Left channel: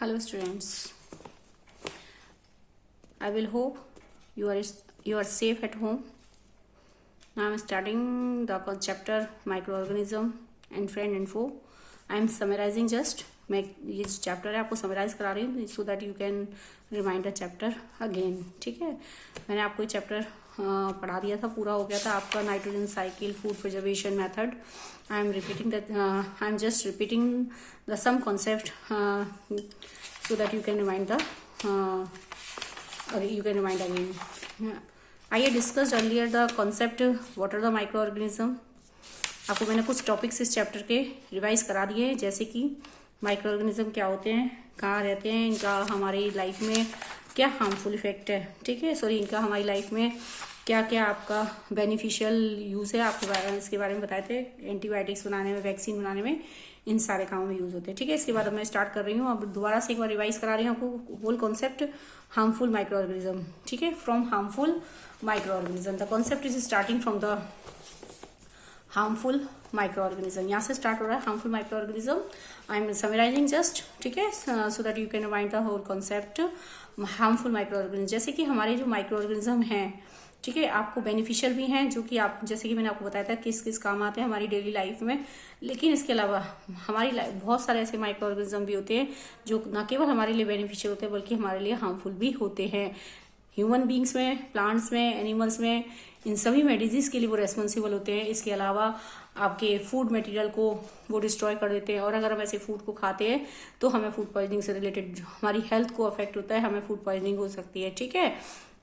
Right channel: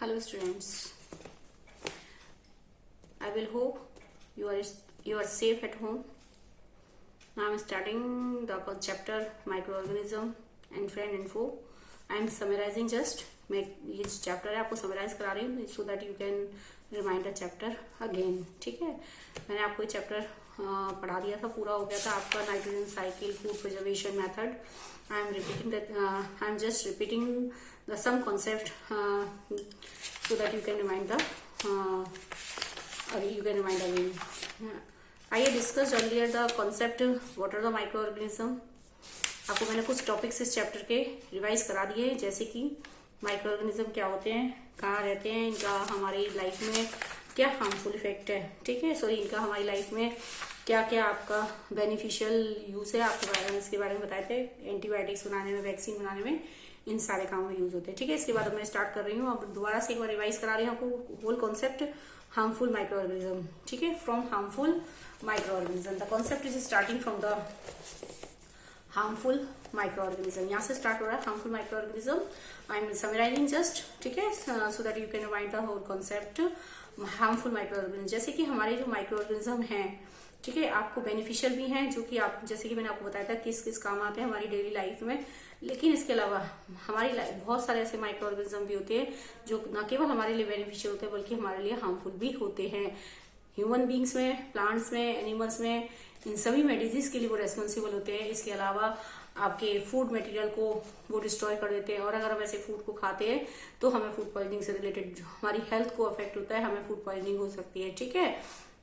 Hello students, I will hope you are safe at home. Now I am starting the chapter microorganism and friend and foe. I am summarizing just मैं ये chapter है आपको summarise करा रही हूँ सो that you can remind the chapter again. ठीक है, मैंने आपको ये चैप्टर पढ़ा दिया था, पूरा हो गया था आपका nitrogen cycle, food preservation method. I am just repeating the same concept so that you can remind again. I had discussed earlier the concept what are the microorganism. आपको मैंने कुछ टॉपिक्स इस चैप्टर के रिवाइज करा दिए हैं, जैसे कि माइक्रो क्या होते हैं, कहाँ रहते हैं, इनका हमारी लाइफ में क्या हार्मफुल इफेक्ट है. ठीक है, सॉरी, इनका हमारी लाइफ में क्या क्या आपका बेनिफिशियल यूज है, आपको इसके बारे में बताए थे. एंटीबायोटिक्स बनाने में, वैक्सीन बनाने में, इन सारे कामों में यूज होते हैं. ठीक है, इसके बाद मैं स्टार्ट कर रही हूँ. अब दोबारा से एक बार रिवाइज करा रही हूँ आपको होल कॉन्सेप्ट हार्मफुल माइक्रोऑर्गेनिज्म. ठीक है, from harmful microorganism the concept is starting from the harmful microorganism. यहाँ से स्टार्ट हो रहा है harmful microorganism. I am summarizing just. ठीक है, so that you can remind the whole concept harmful microorganism. जैसे कि हमारे जो माइक्रोऑर्गेनिज्म हैं, ठीक है, आपको बेनिफिशियल भी हैं, जो कि आप जैसे कि मैंने आपको बताया था किस किस काम आते हैं हमारी डेली लाइफ में. लेकिन इसके अलावा हमारी बहुत सारे ऐसे माइक्रो ऑर्गेनिज्म भी होते हैं जो न केवल हमारे लिए बेनिफिशियल होते हैं बल्कि हमारे लिए हार्मफुल भी होते हैं. ह्यूमन बींग्स में, प्लांट्स में, एनिमल्स में, इन सभी में डिजीज के लिए वो रेस्पॉन्सिबल होते हैं. इसके अलावा आपके फूड मटेरियल को वो डिस्ट्रॉय कर देते हैं, और अगर हम ऐसे फूड को खाते हैं तो हमें फूड पॉइजनिंग से रिलेटेड हमारी हेल्थ को अफेक्ट होता है, हमें फूड पॉइजनिंग हो सकती है. ठीक है,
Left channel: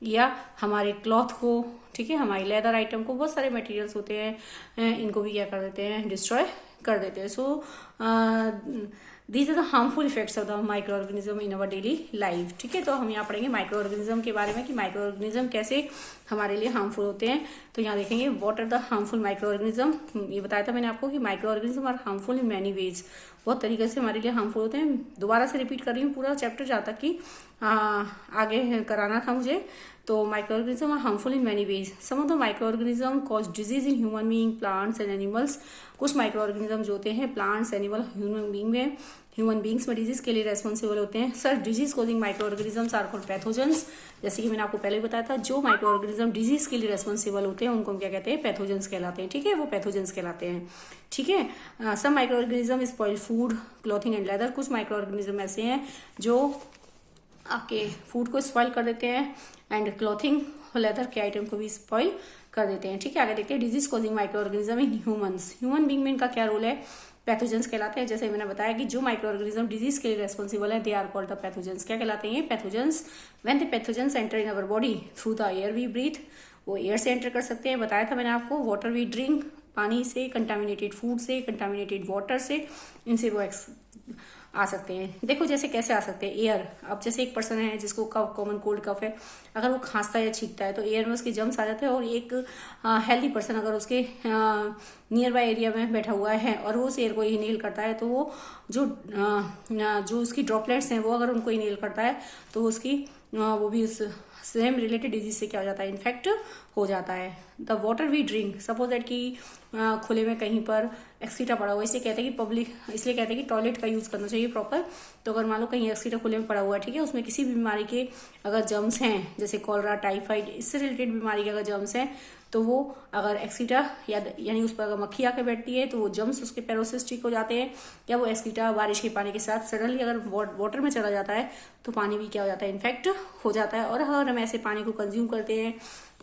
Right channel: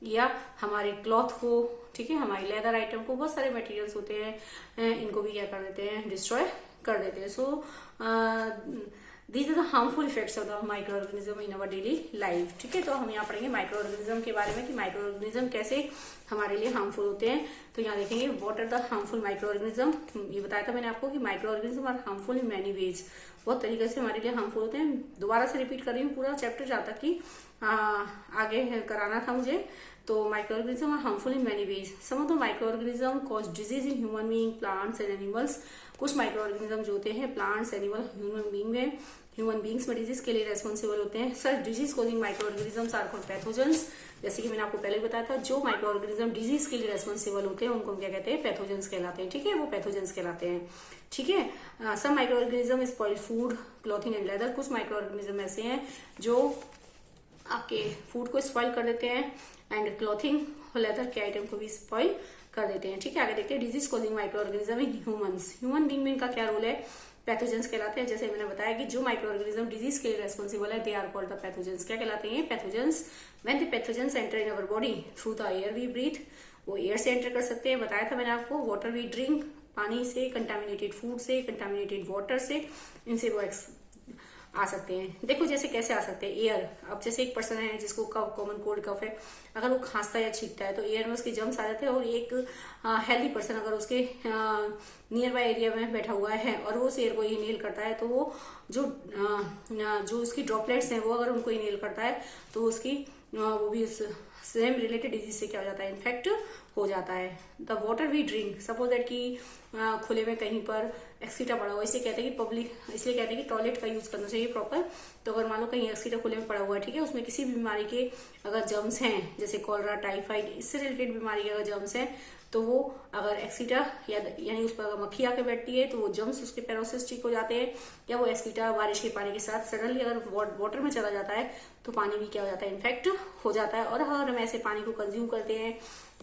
या हमारे क्लॉथ को, ठीक है, हमारे लेदर आइटम को, बहुत सारे मटेरियल्स होते हैं, इनको भी क्या कर देते हैं, डिस्ट्रॉय कर देते हैं. So these are the harmful effects of the micro organism in our daily life. ठीक है, तो हम यहाँ पढ़ेंगे माइक्रो ऑर्गेनिज्म के बारे में कि माइक्रो ऑर्गेनिज्म कैसे हमारे लिए हार्मफुल होते हैं. तो यहाँ देखेंगे what are the harmful micro organism. ये बताया था मैंने आपको कि micro organism are harmful in many ways. बहुत तरीके से हमारे लिए हार्मफुल होते हैं. दोबारा से रिपीट कर रही हूँ पूरा चैप्टर जहाँ तक कि आगे कराना था मुझे. तो microorganism are harmful in many ways. Some of the microorganism cause disease in human being, plants and animals. कुछ माइक्रोऑर्गेनिज्म जो होते हैं प्लांट्स, एनिमल, ह्यूमन बींग्स में डिजीज के लिए रेस्पॉन्सिबल होते हैं. Sir, disease causing microorganisms are called pathogens. जैसे कि मैंने आपको पहले बताया था, जो माइक्रोऑर्गेनिज्म डिजीज के लिए रेस्पॉन्सिबल होते हैं उनको क्या कहते हैं, पैथोजेंस कहलाते हैं. ठीक है, वो पैथोजेंस कहलाते हैं. ठीक है, some microorganism spoil food, clothing and leather. कुछ माइक्रोऑर्गेनिज्म ऐसे हैं जो आपके फूड को स्पॉइल कर देते हैं एंड क्लॉथिंग और लेदर के आइटम को भी स्पॉइल कर देते हैं. ठीक है, आगे देखते हैं disease causing microorganism in humans. Human being में इनका क्या रोल है, पैथोजेंस कहलाते हैं. जैसे मैंने बताया कि जो माइक्रोऑर्गेनिज्म डिजीज के लिए रेस्पॉन्सिबल है they are called the pathogens. क्या कहलाते हैं, pathogens. When the pathogens enter in our body through the air we breathe, वो एयर से एंटर कर सकते हैं. बताया था मैंने आपको, वाटर वी ड्रिंक, पानी से, कंटामिनेटेड फूड से, कंटामिनेटेड वाटर से, इनसे वो आ सकते हैं. देखो जैसे कैसे आ सकते हैं, एयर. अब जैसे एक पर्सन है जिसको कफ, कॉमन कोल्ड कफ है, अगर वो खांसता है या छींकता है तो एयर में उसके जम्स आ जाते हैं. और एक हेल्दी पर्सन अगर उसके नियर बाय एरिया में बैठा हुआ है और वो उस एयर को इनहेल करता है तो वो जो उसकी ड्रॉपलेट्स हैं वो अगर उनको इनहेल करता है तो उसकी वो भी उस सेम रिलेटेड डिजीज से क्या हो जाता है, इन्फेक्ट हो जाता है. The water we drink, suppose that कि खुले में कहीं पर एक्सीटा पड़ा हुआ, इसलिए कहते हैं कि टॉयलेट का यूज करना चाहिए प्रॉपर. तो अगर मान लो कहीं एक्सीटा खुले में पड़ा हुआ है, ठीक है, उसमें किसी भी बीमारी के अगर जर्म्स हैं, जैसे कॉलरा, टाइफाइड, इससे रिलेटेड बीमारी के अगर जर्म्स हैं तो वो अगर एक्सीटा यानी उस पर अगर मक्खी आकर बैठती है तो वो जर्म्स उसके पैरों से स्टिक हो जाते हैं. या वो एक्सीटा बारिश के पानी के साथ सडनली अगर वाटर में चला जाता है तो पानी भी क्या हो जाता है, इन्फेक्ट हो जाता है. और अगर हम ऐसे पानी को कंज्यूम करते हैं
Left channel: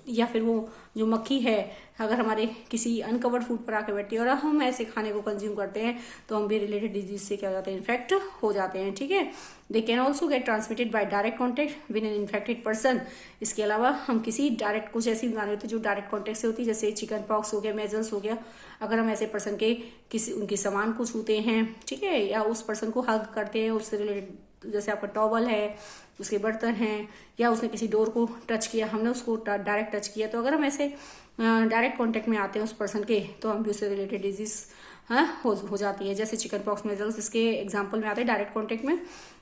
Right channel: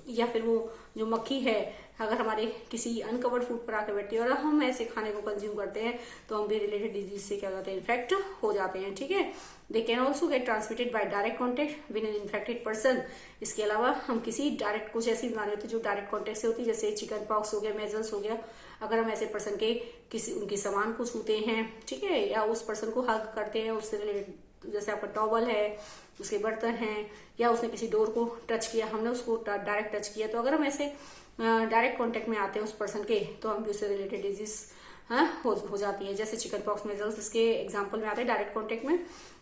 या फिर वो जो मक्खी है अगर हमारे किसी अनकवर्ड फूड पर आकर बैठती है और हम ऐसे खाने को कंज्यूम करते हैं तो हम भी रिलेटेड डिजीज से क्या हो जाते हैं, इन्फेक्ट हो जाते हैं. ठीक है, they can also get transmitted by direct contact with an infected person. इसके अलावा हम किसी डायरेक्ट, कुछ ऐसी बीमारी होती है जो डायरेक्ट कॉन्टेक्ट से होती है, जैसे चिकन पॉक्स हो गया, मेजल्स हो गया. अगर हम ऐसे पर्सन के उनके सामान को छूते हैं, ठीक है, या उस पर्सन को हग करते हैं, उससे रिलेटेड, जैसे आपका टॉवल है, उसके बर्तन हैं, या उसने किसी डोर को टच किया, हमने उसको डायरेक्ट टच किया, तो अगर हम ऐसे डायरेक्ट कांटेक्ट में आते हैं उस पर्सन के तो हम भी उससे रिलेटेड डिजीज हो जाती है. जैसे चिकन पॉक्स, मेजल्स, इसके एग्जांपल में आते हैं डायरेक्ट कांटेक्ट में.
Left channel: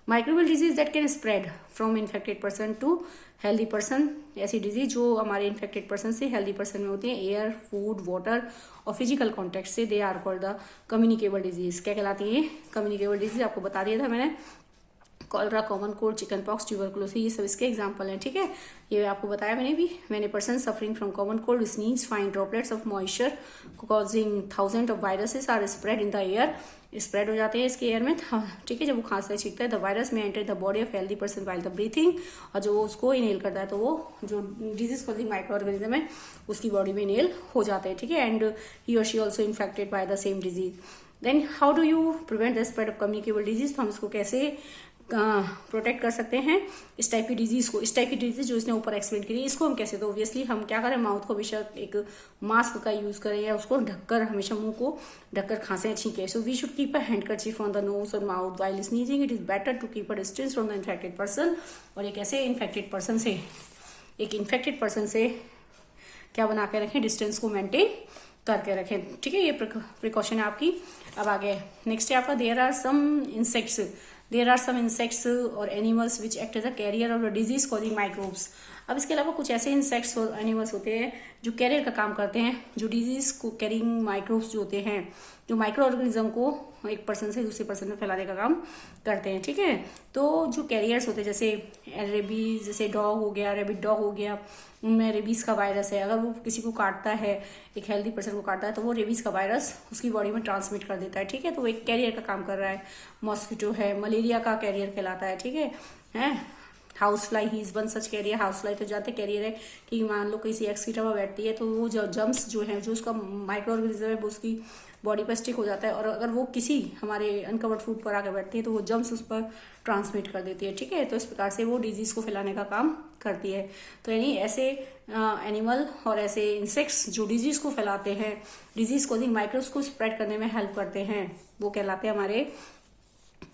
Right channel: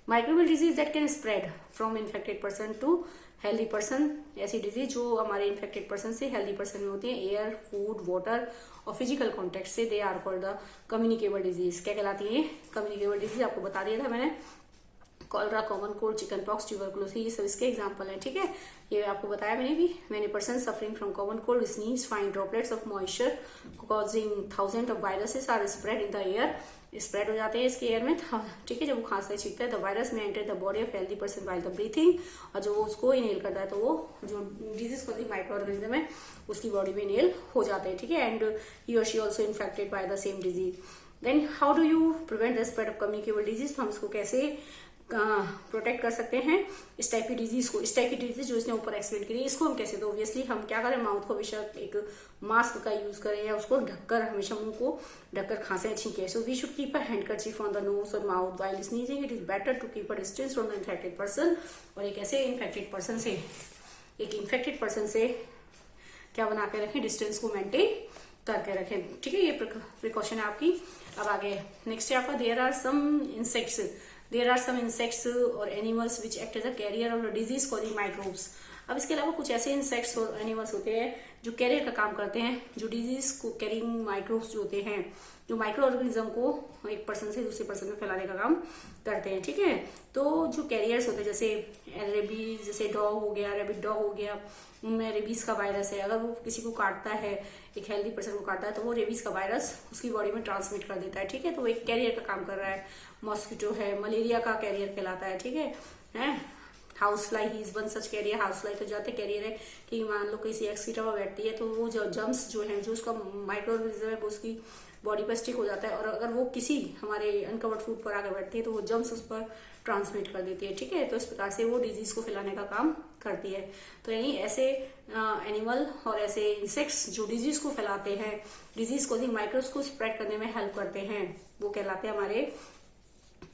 Microbial disease that can spread from infected person to healthy person. ऐसी डिजीज जो हमारे इन्फेक्टेड पर्सन से हेल्दी पर्सन में होती है, एयर, फूड, वाटर और फिजिकल कॉन्टेक्ट से, they are called the communicable disease. क्या कहलाती है, कम्युनिकेबल डिजीज. आपको बता दिया था मैंने cholera, common cold, chicken pox, tuberculosis, ये सब इसके एग्जांपल हैं। ठीक है, ये आपको बताया मैंने भी। When a person suffering from common cold sneeze fine droplets of moisture causing thousand of viruses are spread in the air, spread हो जाते हैं इसके एयर में। ठीक है, जब वो खांसता है छींकता है, द वायरस में enter the body of healthy person while the breathing, और जो उसको इनहेल करता है तो वो जो डिजीज कॉजिंग माइक्रो ऑर्गेनिज्म है उसकी बॉडी में इनहेल हो जाते हैं। ठीक है, एंड ही और she also infected by the same disease. Then how do you prevent the spread of communicable disease, तो हम इसको कैसे प्रोटेक्ट कर सकते हैं इस टाइप की डिजीज को। इस टाइप की डिजीज जो इसने ऊपर एक्सप्लेन करी, इसको हम कैसे, तो ऑब्वियसली हम क्या करें, माउथ को हमेशा एक मास्क का यूज करें या उसको ढककर, हमेशा मुंह को ढककर खांसे छींके। So we should keep a handkerchief on the nose और mouth while sneezing. It is better to keep a distance from the infected person, और एक ऐसे इन्फेक्टेड पर्सन से क्या बना के रखें, डिस्टेंस को मेंटेन करके रखें। ठीक है, ये प्रिकॉशन है आपकी। अब आगे नेक्स्ट है आपका, देयर आर सम इंसेक्ट्स और animals which act as a carrier of disease causing microbes. अब इसके अलावा कुछ ऐसे इंसेक्ट्स और एनिमल्स होते हैं जो कैरियर का काम करते हैं, जो डिजीज को कैरिंग माइक्रोब्स जो होते हैं, जो माइक्रो ऑर्गेनिज्म को एक पर्सन से दूसरे पर्सन में फैलाने का काम करते हैं। ठीक है, तो जो कैरियर्स होते हैं, जैसे रेबीज, जैसे डॉग हो गया, रेबिड डॉग हो गया, उनमें रेबीज का वायरस है। अगर वो किसी को काटता है, एक हेल्दी पर्सन को काटता है, तो वो रेबीज का वायरस उसकी बॉडी में ट्रांसमिट कर देता है। ठीक है, तो वो एक कैरियर का काम कर रहा है। मॉस्किटो है, मलेरिया का कैरियर कहलाता है। ठीक है, हाउस फ्लाई ही is one such carrier. House fly तो जाते कैरियर है कि मान लो किसी एक्सीटा में बैठती है तो वो जो जम्स जो है, जो उसका माइक्रो ऑर्गेनिज्म है, वो उसकी बॉडी पर स्टिक हो जाता है, और अगर वो किसी हमारे अनकवर्ड फूड पर आकर बैठती है तो वो जम्स उस पर ट्रांसमिट कर देती है। ठीक है, तो इस प्रकार से वो डिजीज को फैलाने का काम करती है। तो यानी ऐसे एनिमल और ऐसे इंसेक्ट्स जो डिजीज को फैलाते हैं, डिजीज कॉजिंग माइक्रोब्स को स्प्रेड करने में हेल्प करते हैं, वो कहलाते हैं हमारे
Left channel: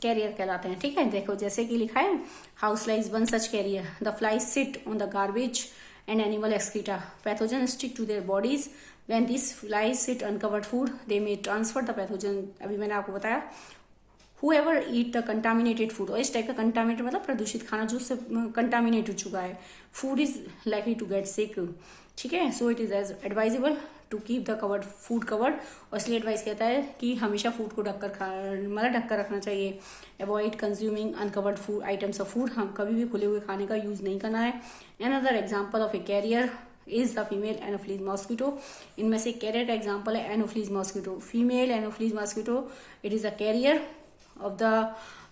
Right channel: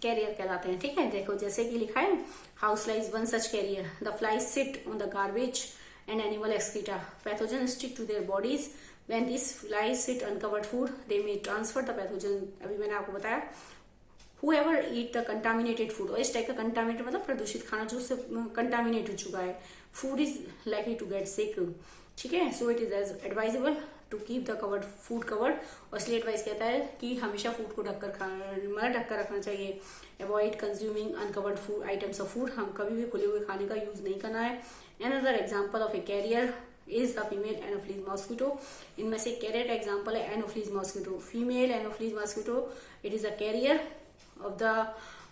कैरियर कहलाते हैं। ठीक है, देखो जैसे कि लिखा है, house fly is one such carrier, the fly sit on the garbage and animal excreta, pathogen stick to their bodies, when this flies sit uncovered food they may transfer the pathogen. अभी मैंने आपको बताया, whoever eat the contaminated food, और इस type का contaminated मतलब प्रदूषित खाना जो उससे कंटामिनेट हो चुका है, food is likely to get sick. ठीक है, so it is as advisable to keep the covered food covered, और इसलिए एडवाइस कहता है कि हमेशा फूड को ढककर रखना चाहिए। Avoid consuming uncovered food items of food, हम कभी भी खुले हुए खाने का यूज नहीं करना है। Another example of a carrier is the female anopheles mosquito. इनमें से कैरियर का एग्जाम्पल है anopheles mosquito. Female anopheles mosquito, it is a carrier of the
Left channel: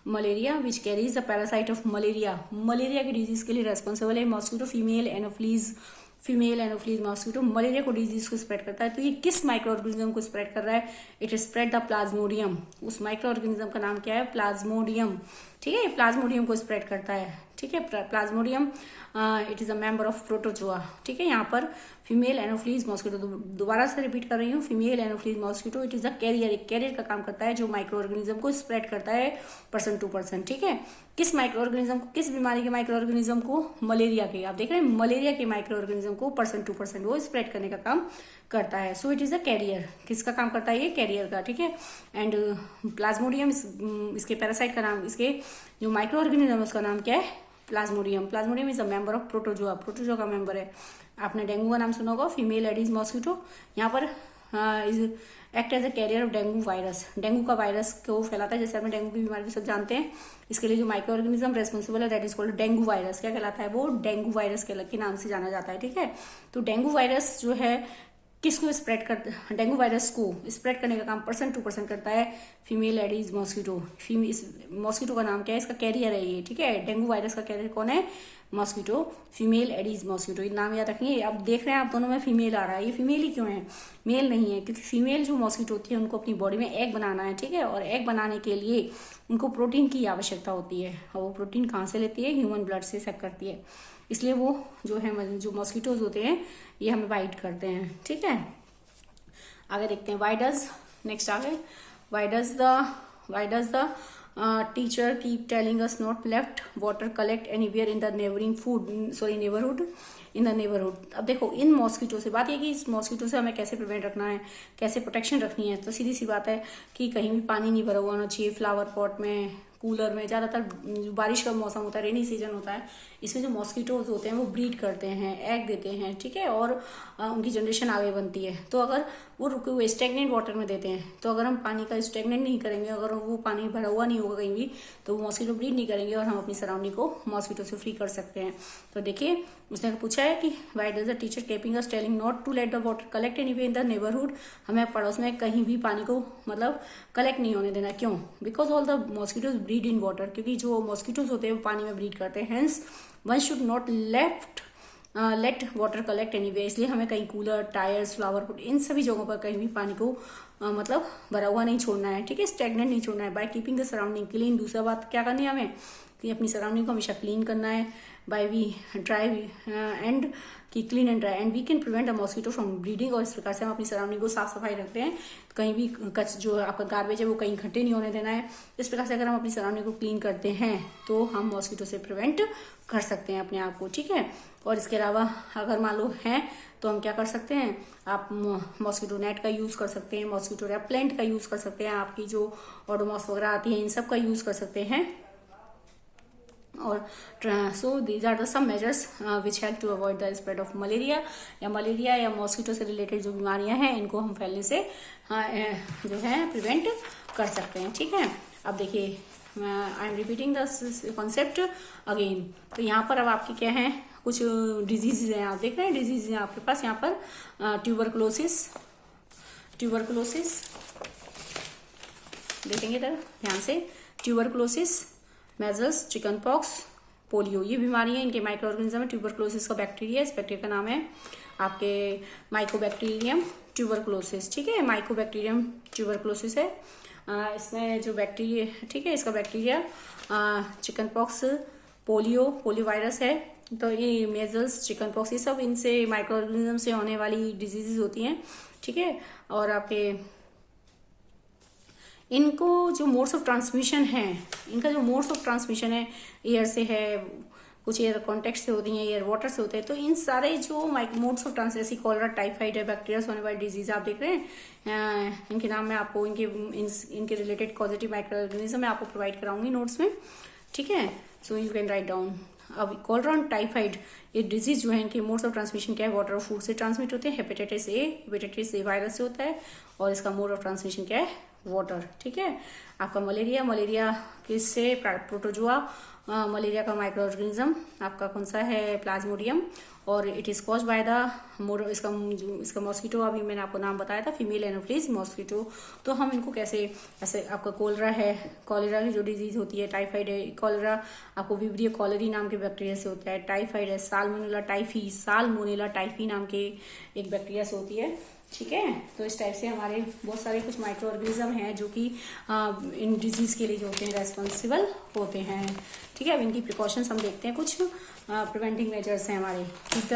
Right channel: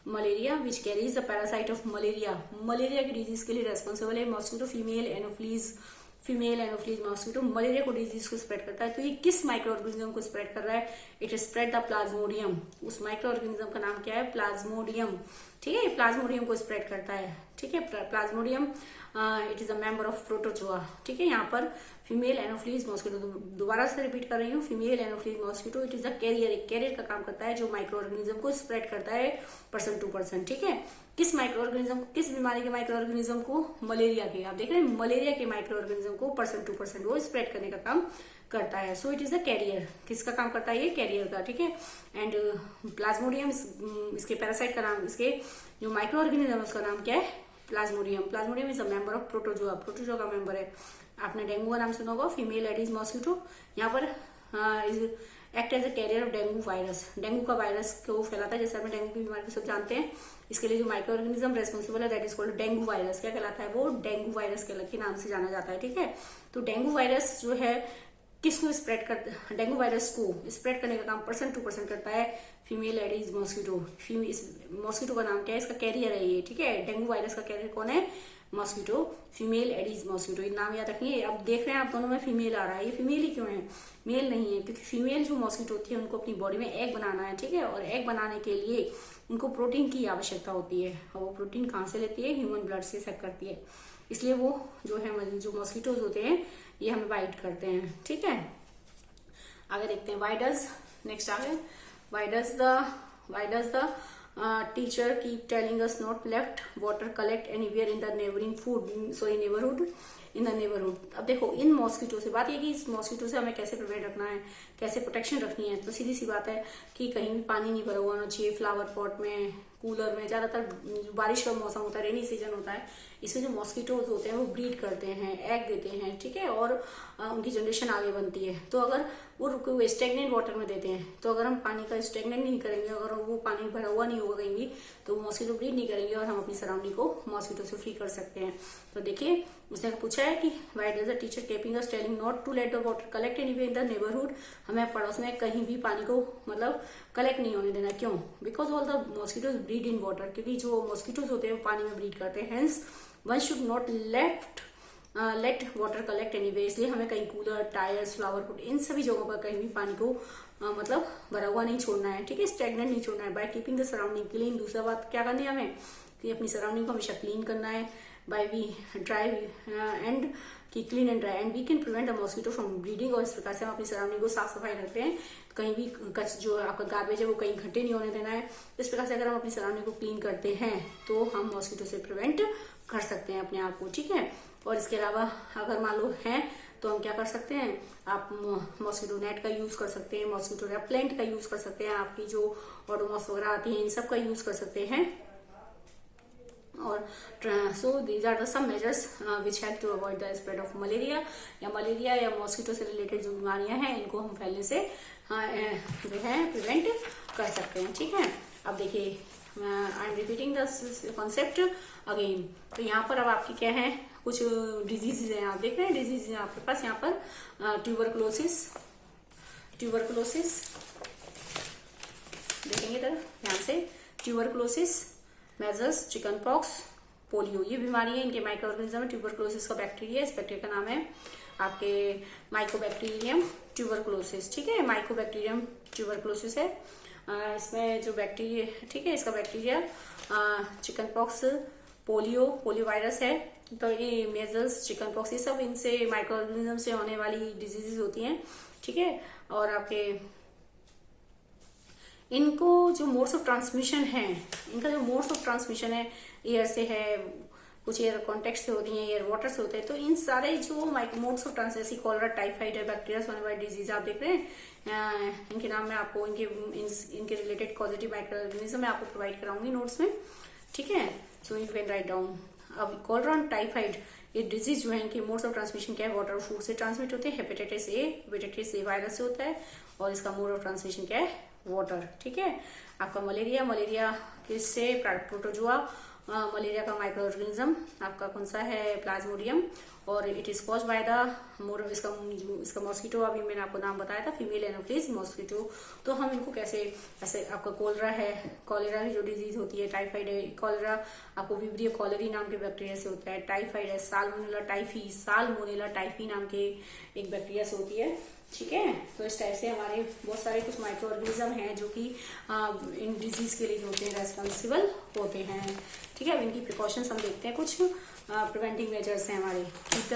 malaria which carries the parasite of malaria की disease के लिए responsible है mosquito. Female anopheles mosquito malaria को disease को स्प्रेड करता है। तो ये किस माइक्रो ऑर्गेनिज्म को स्प्रेड कर रहा है, इट स्प्रेड द प्लाज्मोडियम। उस माइक्रो ऑर्गेनिज्म का नाम क्या है, प्लाज्मोडियम। ठीक है, प्लाज्मोडियम को स्प्रेड करता है। ठीक है, Plasmodium it is a member of protozoa. ठीक है, यहाँ पर फीमेल एनोफिलीज मॉस्किटो, दोबारा से रिपीट कर रही हूँ, female anopheles mosquito it is a carrier, एक कैरियर का काम करता है जो माइक्रो ऑर्गेनिज्म को स्प्रेड करता है पर्सन टू पर्सन। ठीक है, किस माइक्रो ऑर्गेनिज्म को, किस बीमारी के माइक्रो ऑर्गेनिज्म को, मलेरिया के। आप देख रहे हैं, मलेरिया के माइक्रो ऑर्गेनिज्म को पर्सन टू पर्सन वो स्प्रेड करने का काम करता है। So it is a carrier, किसका काम करता है ये, कैरियर का। ठीक है, एंड प्लाज्मोडियम इसके पैरासाइट का नाम, इसके जो माइक्रो ऑर्गेनिज्म उसका नाम क्या है, Plasmodium. Plasmodium is a member of protozoa, protozoa का मेंबर है। आपने डेंगू का नाम सुना होगा, फीमेल एडिस मॉस्किटो। यहाँ पर is act as a carrier of dengue virus, dengue का वायरस को फैलाता है। जैसे आपने डेंगू की बीमारी सब जानते हैं, इसके लिए जो माइक्रो ऑर्गेनिज्म रेस्पॉन्सिबल है that is called dengue virus. क्या कहलाता है वो, डेंगू वायरस के नाम से जाना जाता है। ठीक है, तो डेंगू वायरस जो है किसको स्प्रेड करता, डेंगू वायरस को स्प्रेड करने का काम पर्सन टू पर्सन करता है फीमेल एडिस मॉस्किटो। मॉस्किटो का नाम क्या है, इसका कैरियर है ये। ठीक है, डेंगू वायरस का कैरियर कौन है, मॉस्किटो, फीमेल एडिस मॉस्किटो। ये नाम याद रखिए। अब देख रहे हैं आप दोनों में फीमेल आ रहा है, ये फीमेल ही क्यों है, मेल नहीं है, क्योंकि फीमेल जो मॉस्किटो होती है उनको अपनी बॉडी में एग बनाना है। ठीक है, और एग बनाने के लिए उनको प्रोटीन की आवश्यकता होती है, और वो प्रोटीन कहाँ से लेती है, ह्यूमन ब्लड से सक करती है। इसलिए वो जो है, जो मॉस्किटोज होते हैं ये हमें बाइट करते हैं। ठीक है, आगे देखते हैं, नेक्स्ट आगे, why does the teacher keep telling us not left water collect anywhere in the neighborhood in the neighborhood। अब देखो, इन मॉस्किटो से बात ये कि इस मॉस्किटो से हमें कैसे प्रिवेंट रखना है, कैसे प्रोटेक्शन रखनी है। तो सीधी सी बात है कि कहीं भी पानी नहीं भरा हुआ होना चाहिए, फ्लावर पॉट में कूलर में, ज़्यादातर बारिश का मौसम होता है, रेनी सीजन होता है, इसमें जो मॉस्किटोज होते हैं वो ब्रीड करते हैं, एग देते हैं, ठीक है, और उनकी जनरेशन आगे बनती है। तो अगर वो स्टेगनेंट वाटर में देते हैं, तो अगर हम पानी का स्टेगनेंट नहीं करेंगे, अगर वो पानी भरा हुआ नहीं होगा कहीं भी, तो वो मॉस्किटो ब्रीड नहीं करेंगे और हम अपनी सराउंडिंग को मॉस्किटो से फ्री कर सकते हैं। तो देखिए उसने पूछा है कि why does the teacher keeping us telling not to let the water collect anyway in the neighbourhood, हमें पड़ोस में कहीं भी पानी को मतलब कलेक्ट नहीं होने देना। क्यों? Because all the mosquitoes breed in water, क्योंकि जो मॉस्किटोज होते हैं वो पानी में ब्रीड करते हैं। Hence one should not let water collect anyway, इसलिए हमें कहीं कूलर, टायर्स, फ्लावर पॉट, इन सभी जगहों पर कहीं भी पानी को मतलब भरा हुआ नहीं छोड़ना है, ठीक है, स्टेगनेंट नहीं छोड़ना है। By keeping the surrounding clean, दूसरा बात क्या करनी है हमें कि अपनी सराउंडिंग को हमेशा क्लीन करना है। By we dry and keep clean and dry and we can prevent the mosquito from breeding, और इस प्रकार से हम अपनी सराउंडिंग को साफ सफाई रखते हैं, कहीं भी जो आपका गार्बेज है वो कहीं इकट्ठे नहीं होने देना है। इस प्रकार से अगर हम अपनी सराउंडिंग को क्लीन करते हैं तो हम मॉस्किटो से प्रिवेंट कर सकते हैं अपने आप को, ठीक है। और इसके अलावा अगर मान लो है तो हम क्या कर सकते हैं, आप मॉस्किटो नेट का यूज कर सकते हैं, मॉस्किटो रेपेलेंट का यूज कर सकते हैं, आपकी जो ओडोमॉस वगैरह आती है इन सब का यूज कर सकते हैं। और so these are the some measures which help to avoid the spread of malaria या मॉस्किटो से रिलेटेड जो बीमारियां हैं इनको हम फैलने से जो है प्रिवेंट कर सकते हैं, ठीक है। अब देखिए I am repeating the concept again. तो यहाँ पर अब आपके क्या है, कुछ डिजीजेज हैं, आप देख रहे हैं डिजीज है आपके पास। यहाँ पर ट्यूबरकुलोसिस देखेंगे तरह ध्यान से, tuberculosis, measles, chicken pox, polio, ये बीमारी है, इनके माइक्रो ऑर्गेनिज्म है। ट्यूबरकुलोसिस का बैक्टीरिया, इस बैक्टीरिया का नाम है आपके माइकोबैक्टीरियम ट्यूबरकुलोसिस, ठीक है, माइकोबैक्टीरियम ट्यूबरकुलोसिस है। इसमें जो बैक्टीरिया, ठीक है, इसका bacteria chicken pox, polio virus है। तो ये मेजल्स, चिकन पॉक्स, ये सब इनसे माइक्रो ऑर्गेनिज्म से होने वाली डिजीजेज होती हैं, ठीक है। और आपके इनको जो मोड्स ऑफ ट्रांसमिशन है, इनका जो मोड्स ऑफ ट्रांसमिशन है, एयर से है, कुछ एयर कॉन्टेक्ट से होती है, एयर वाटर से होते हैं। तो इन सारे जो मोड्स ऑफ ट्रांसमिशन, जैसे कॉलरा, टाइफाइड है, बैक्टीरिया से होने वाली डिजीज आप देख रहे हैं, इनके नाम में आपको इनके रिलेटेड पॉजिटिव माइक्रो ऑर्गेनिज्म मैं आपको प्रोवाइड कराऊंगी नोट्स में, ठीक है। So you can write down. अब कॉलरा और टाइफाइड ये डिजीज जो है, इनके मोड्स ऑफ ट्रांसमिशन क्या है, वाटर और फूड से ट्रांसमिट होते हैं। हेपेटाइटिस ए वायरस से होता है और इसका मोड ऑफ ट्रांसमिशन क्या है, वाटर, ठीक है। आपका मलेरिया किससे, प्रोटोजुआ मलेरिया का माइक्रो ऑर्गेनिज्म आपका कौन सा है, प्लाज्मोडियम, और it is caused by the इसका मॉस्किटो, अभी मैंने आपको नाम बताया था, फीमेल एनोफिलीज मॉस्किटो। तो हम इनको कैसे, ऐसे आपका कॉलेरा की जो डिजीज होती है, टाइफाइड है, कॉलेरा आपको विब्रियो कॉलेरी नाम के बैक्टीरिया से होता है, टाइफाइड है साल्मोनेला टाइफी नाम के एक बैक्टीरिया से होती है, ठीक है। तो इस टाइप से हमारे बहुत सारे कुछ माइक्रो ऑर्गेनिज्म हैं जो कि इन डिजीज के लिए जो होते हैं रेस्पॉन्सिबल होते हैं, ठीक है। अब इनकी प्रिकॉशंस हम देखते हैं, कुछ प्रिवेंटिंग मेजर्स हैं हमारे, ठीक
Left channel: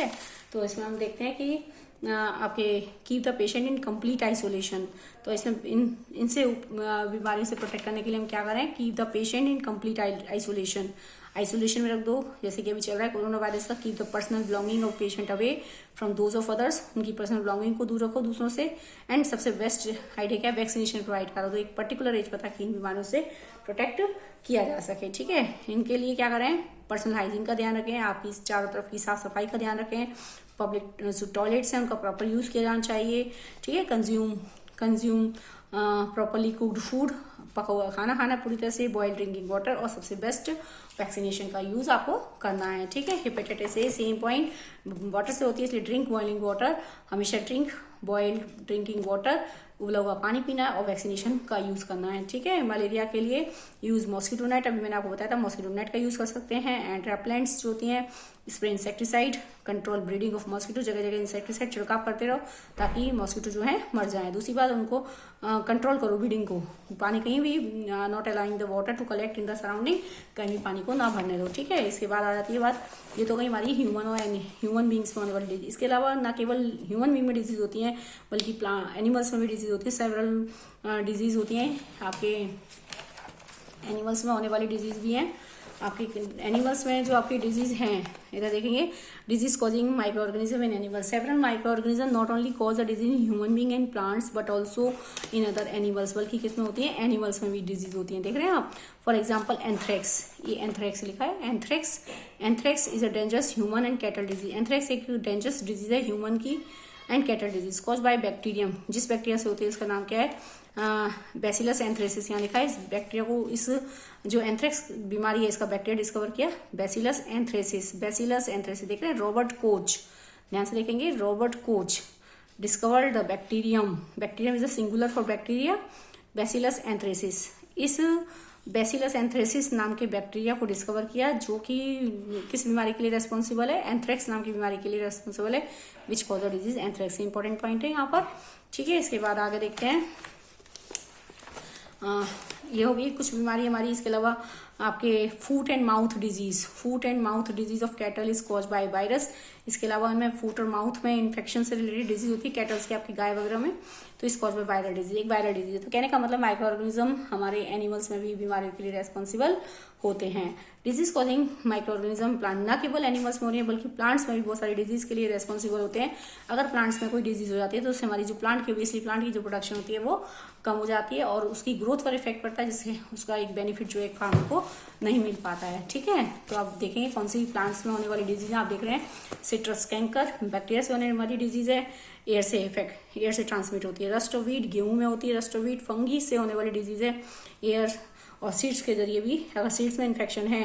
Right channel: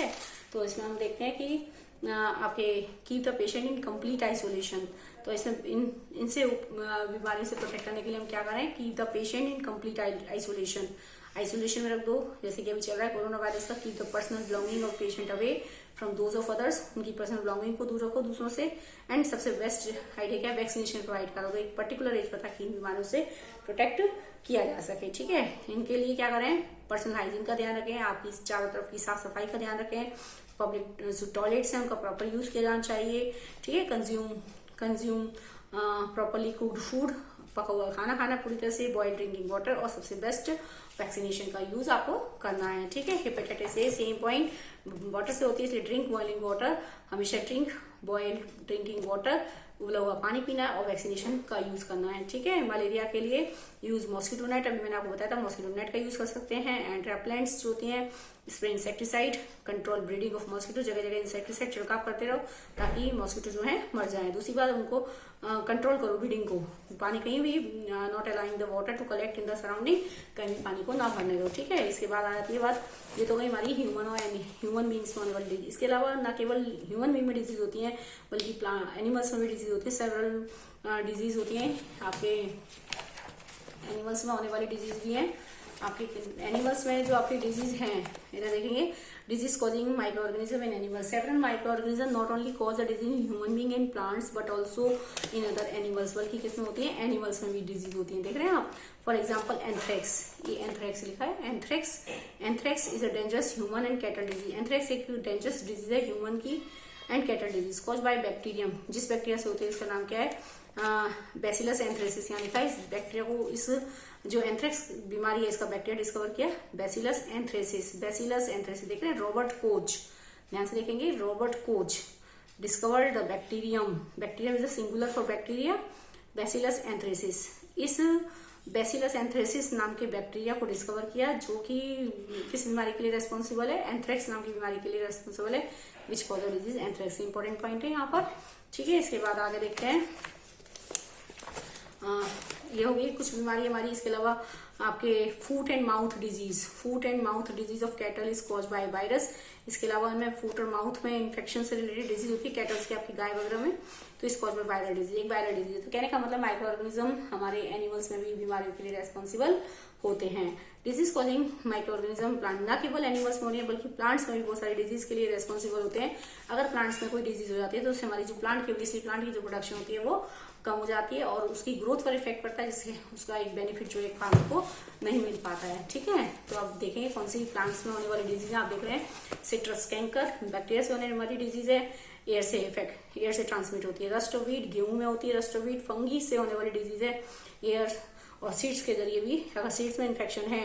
है। तो इसमें हम देखते हैं कि आपके keep the patient in complete isolation. तो इसमें इनसे बीमारी से प्रोटेक्ट करने के लिए हम क्या करें, keep the patient in complete isolation में रख दो, जैसे कि अभी चल रहा है कोरोना वायरस का। Keep the personal belonging of patient away from those of others, उनकी पर्सनल बिलोंगिंग को दूर रखो दूसरों से। एंड सबसे बेस्ट आइडिया क्या है, वैक्सीनेशन प्रोवाइड करो, तो एक पर्टिकुलर एज पता कि इन बीमारियों से प्रोटेक्ट किया जा सके, ठीक है। इनके लिए क्या करें, पर्सनल हाइजीन का ध्यान रखें, आपकी चारों तरफ की साफ सफाई का ध्यान रखें, पब्लिक जो टॉयलेट्स हैं उनका प्रॉपर यूज किया जाना चाहिए, ठीक है। कंज्यूम प्रॉपरली कुक्ड फूड, पका हुआ खाना खाना पूरी तरह से, बॉइल्ड ड्रिंकिंग वाटर, और सबसे बेस्ट वैक्सीनेशन का यूज आपको करना है, ठीक है। Hepatitis A same point, water से होती है, इसलिए ड्रिंक बॉइलिंग वाटर, हमेशा ड्रिंक बॉइल्ड ड्रिंकिंग वाटर, उबला हुआ पानी पीना है, और वैक्सीनेशन का यूज करना है, ठीक है। मलेरिया के लिए यूज मॉस्किटो नेट, अभी मैंने आपको बताया था, मॉस्किटो नेट का यूज कर सकते हैं। एंड रेपेलेंट्स जो होती हैं, spray insecticide, control breeding of mosquito, जगह जगह इंसेक्टिसाइड छिड़काव करते रहो ताकि मॉस्किटो जो है मर जाए। दूसरी बात, उनको कंट्रोल करो ब्रीडिंग को, पानी कहीं भी not allowing the water to collect in the surrounding, कहीं भी पानी को ना भरने दो, ठीक है। इसके बाद आ जाती है बात, ये तो गई हमारी ह्यूमन बींग्स में होने वाली डिजीज। इसके अलावा न केवल ह्यूमन बींग में डिजीज होती है बल्कि एनिमल्स में भी डिजीज होती है, सेवरल डिजीज होती हैं आपके एनिमल्स में होने वाली डिजीज भी हैं। आपके एनिमल्स में जो आपके डिजीज हैं, इधर देखेंगे disease causing micro organism in animal. Several micro organism not only cause a disease in human being and plants but also in other animals, बल्कि किसमें होती है, एनिमल्स में भी डिजीज होती है। देख रहे हैं आप, फॉर एग्जाम्पल एंथ्रेक्स, ये एंथ्रेक्स लिखा है, anthrax is a dangerous human and cattle disease. Anthrax एक डेंजरस डिजीज है ह्यूमन की and cattle disease, cause by bacterium. जिस बैक्टीरिया से होती है उसका नाम क्या है, बैसिलस एंथ्रेसिस। यहाँ लिखा है इस बैक्टीरिया को, इस जो एंथ्रेक्स बीमारी है इसका बैक्टीरिया डिस्कवर किया बैसिलस एंथ्रेसिस। बैसिलस एंथ्रेसिस देख रहे हैं, रॉबर्ट कोच, ध्यान से देखेंगे, Robert Koch discovered the bacterium is a singular for bacteria bacillus anthracis. इस बैसिलस एंथ्रेसिस नाम के बैक्टीरिया को डिस्कवर किया जो कि किस बीमारी के लिए रेस्पॉन्सिबल है, एंथ्रेक्स नाम की बीमारी के लिए रेस्पॉन्सिबल है, which cause the disease anthrax. Important point है यहाँ पर, ठीक है। इसके बाद आगे देखते हैं, ये होगी कुछ बीमारी हमारी। इसके अलावा आपके foot and mouth disease of cattle is cause by virus. इसके अलावा हमें फूट और माउथ में इन्फेक्शन से रिलेटेड डिजीज होती है कैटल्स के, आपकी गाय वगैरह में, तो इस कॉज बाय वायरल डिजीज, एक वायरल डिजीज है। तो कहने का मतलब माइक्रो ऑर्गेनिज्म हमारे एनिमल्स में भी बीमारियों के लिए रेस्पॉन्सिबल होते हैं। Disease causing micro organism plant, ना केवल एनिमल्स में हो रही है बल्कि प्लांट्स में भी बहुत सारी डिजीज के लिए रेस्पॉन्सिबल होते हैं। अगर प्लांट्स में कोई डिजीज हो जाती है तो उससे हमारी जो प्लांट की जो प्रोडक्शन होती है वो कम हो जाती है और उसकी ग्रोथ पर इफेक्ट पड़ता है, जिससे उसका एक बेनिफिट जो एक फार्मर को नहीं मिल पाता है, ठीक है। तो आप देखेंगे कौन सी प्लांट्स में होने वाली डिजीज है, आप देख रहे हैं सिट्रस कैंकर बैक्टीरिया से होने वाली डिजीज है, एयर से ट्रांसमिट होती है। रस्ट ऑफ वीट गेहूं में होती है, रस्ट ऑफ वीट फंगी से होने वाली डिजीज है, एयर और सीड्स के जरिए भी। अगर सीड्स में इन्फेक्शन है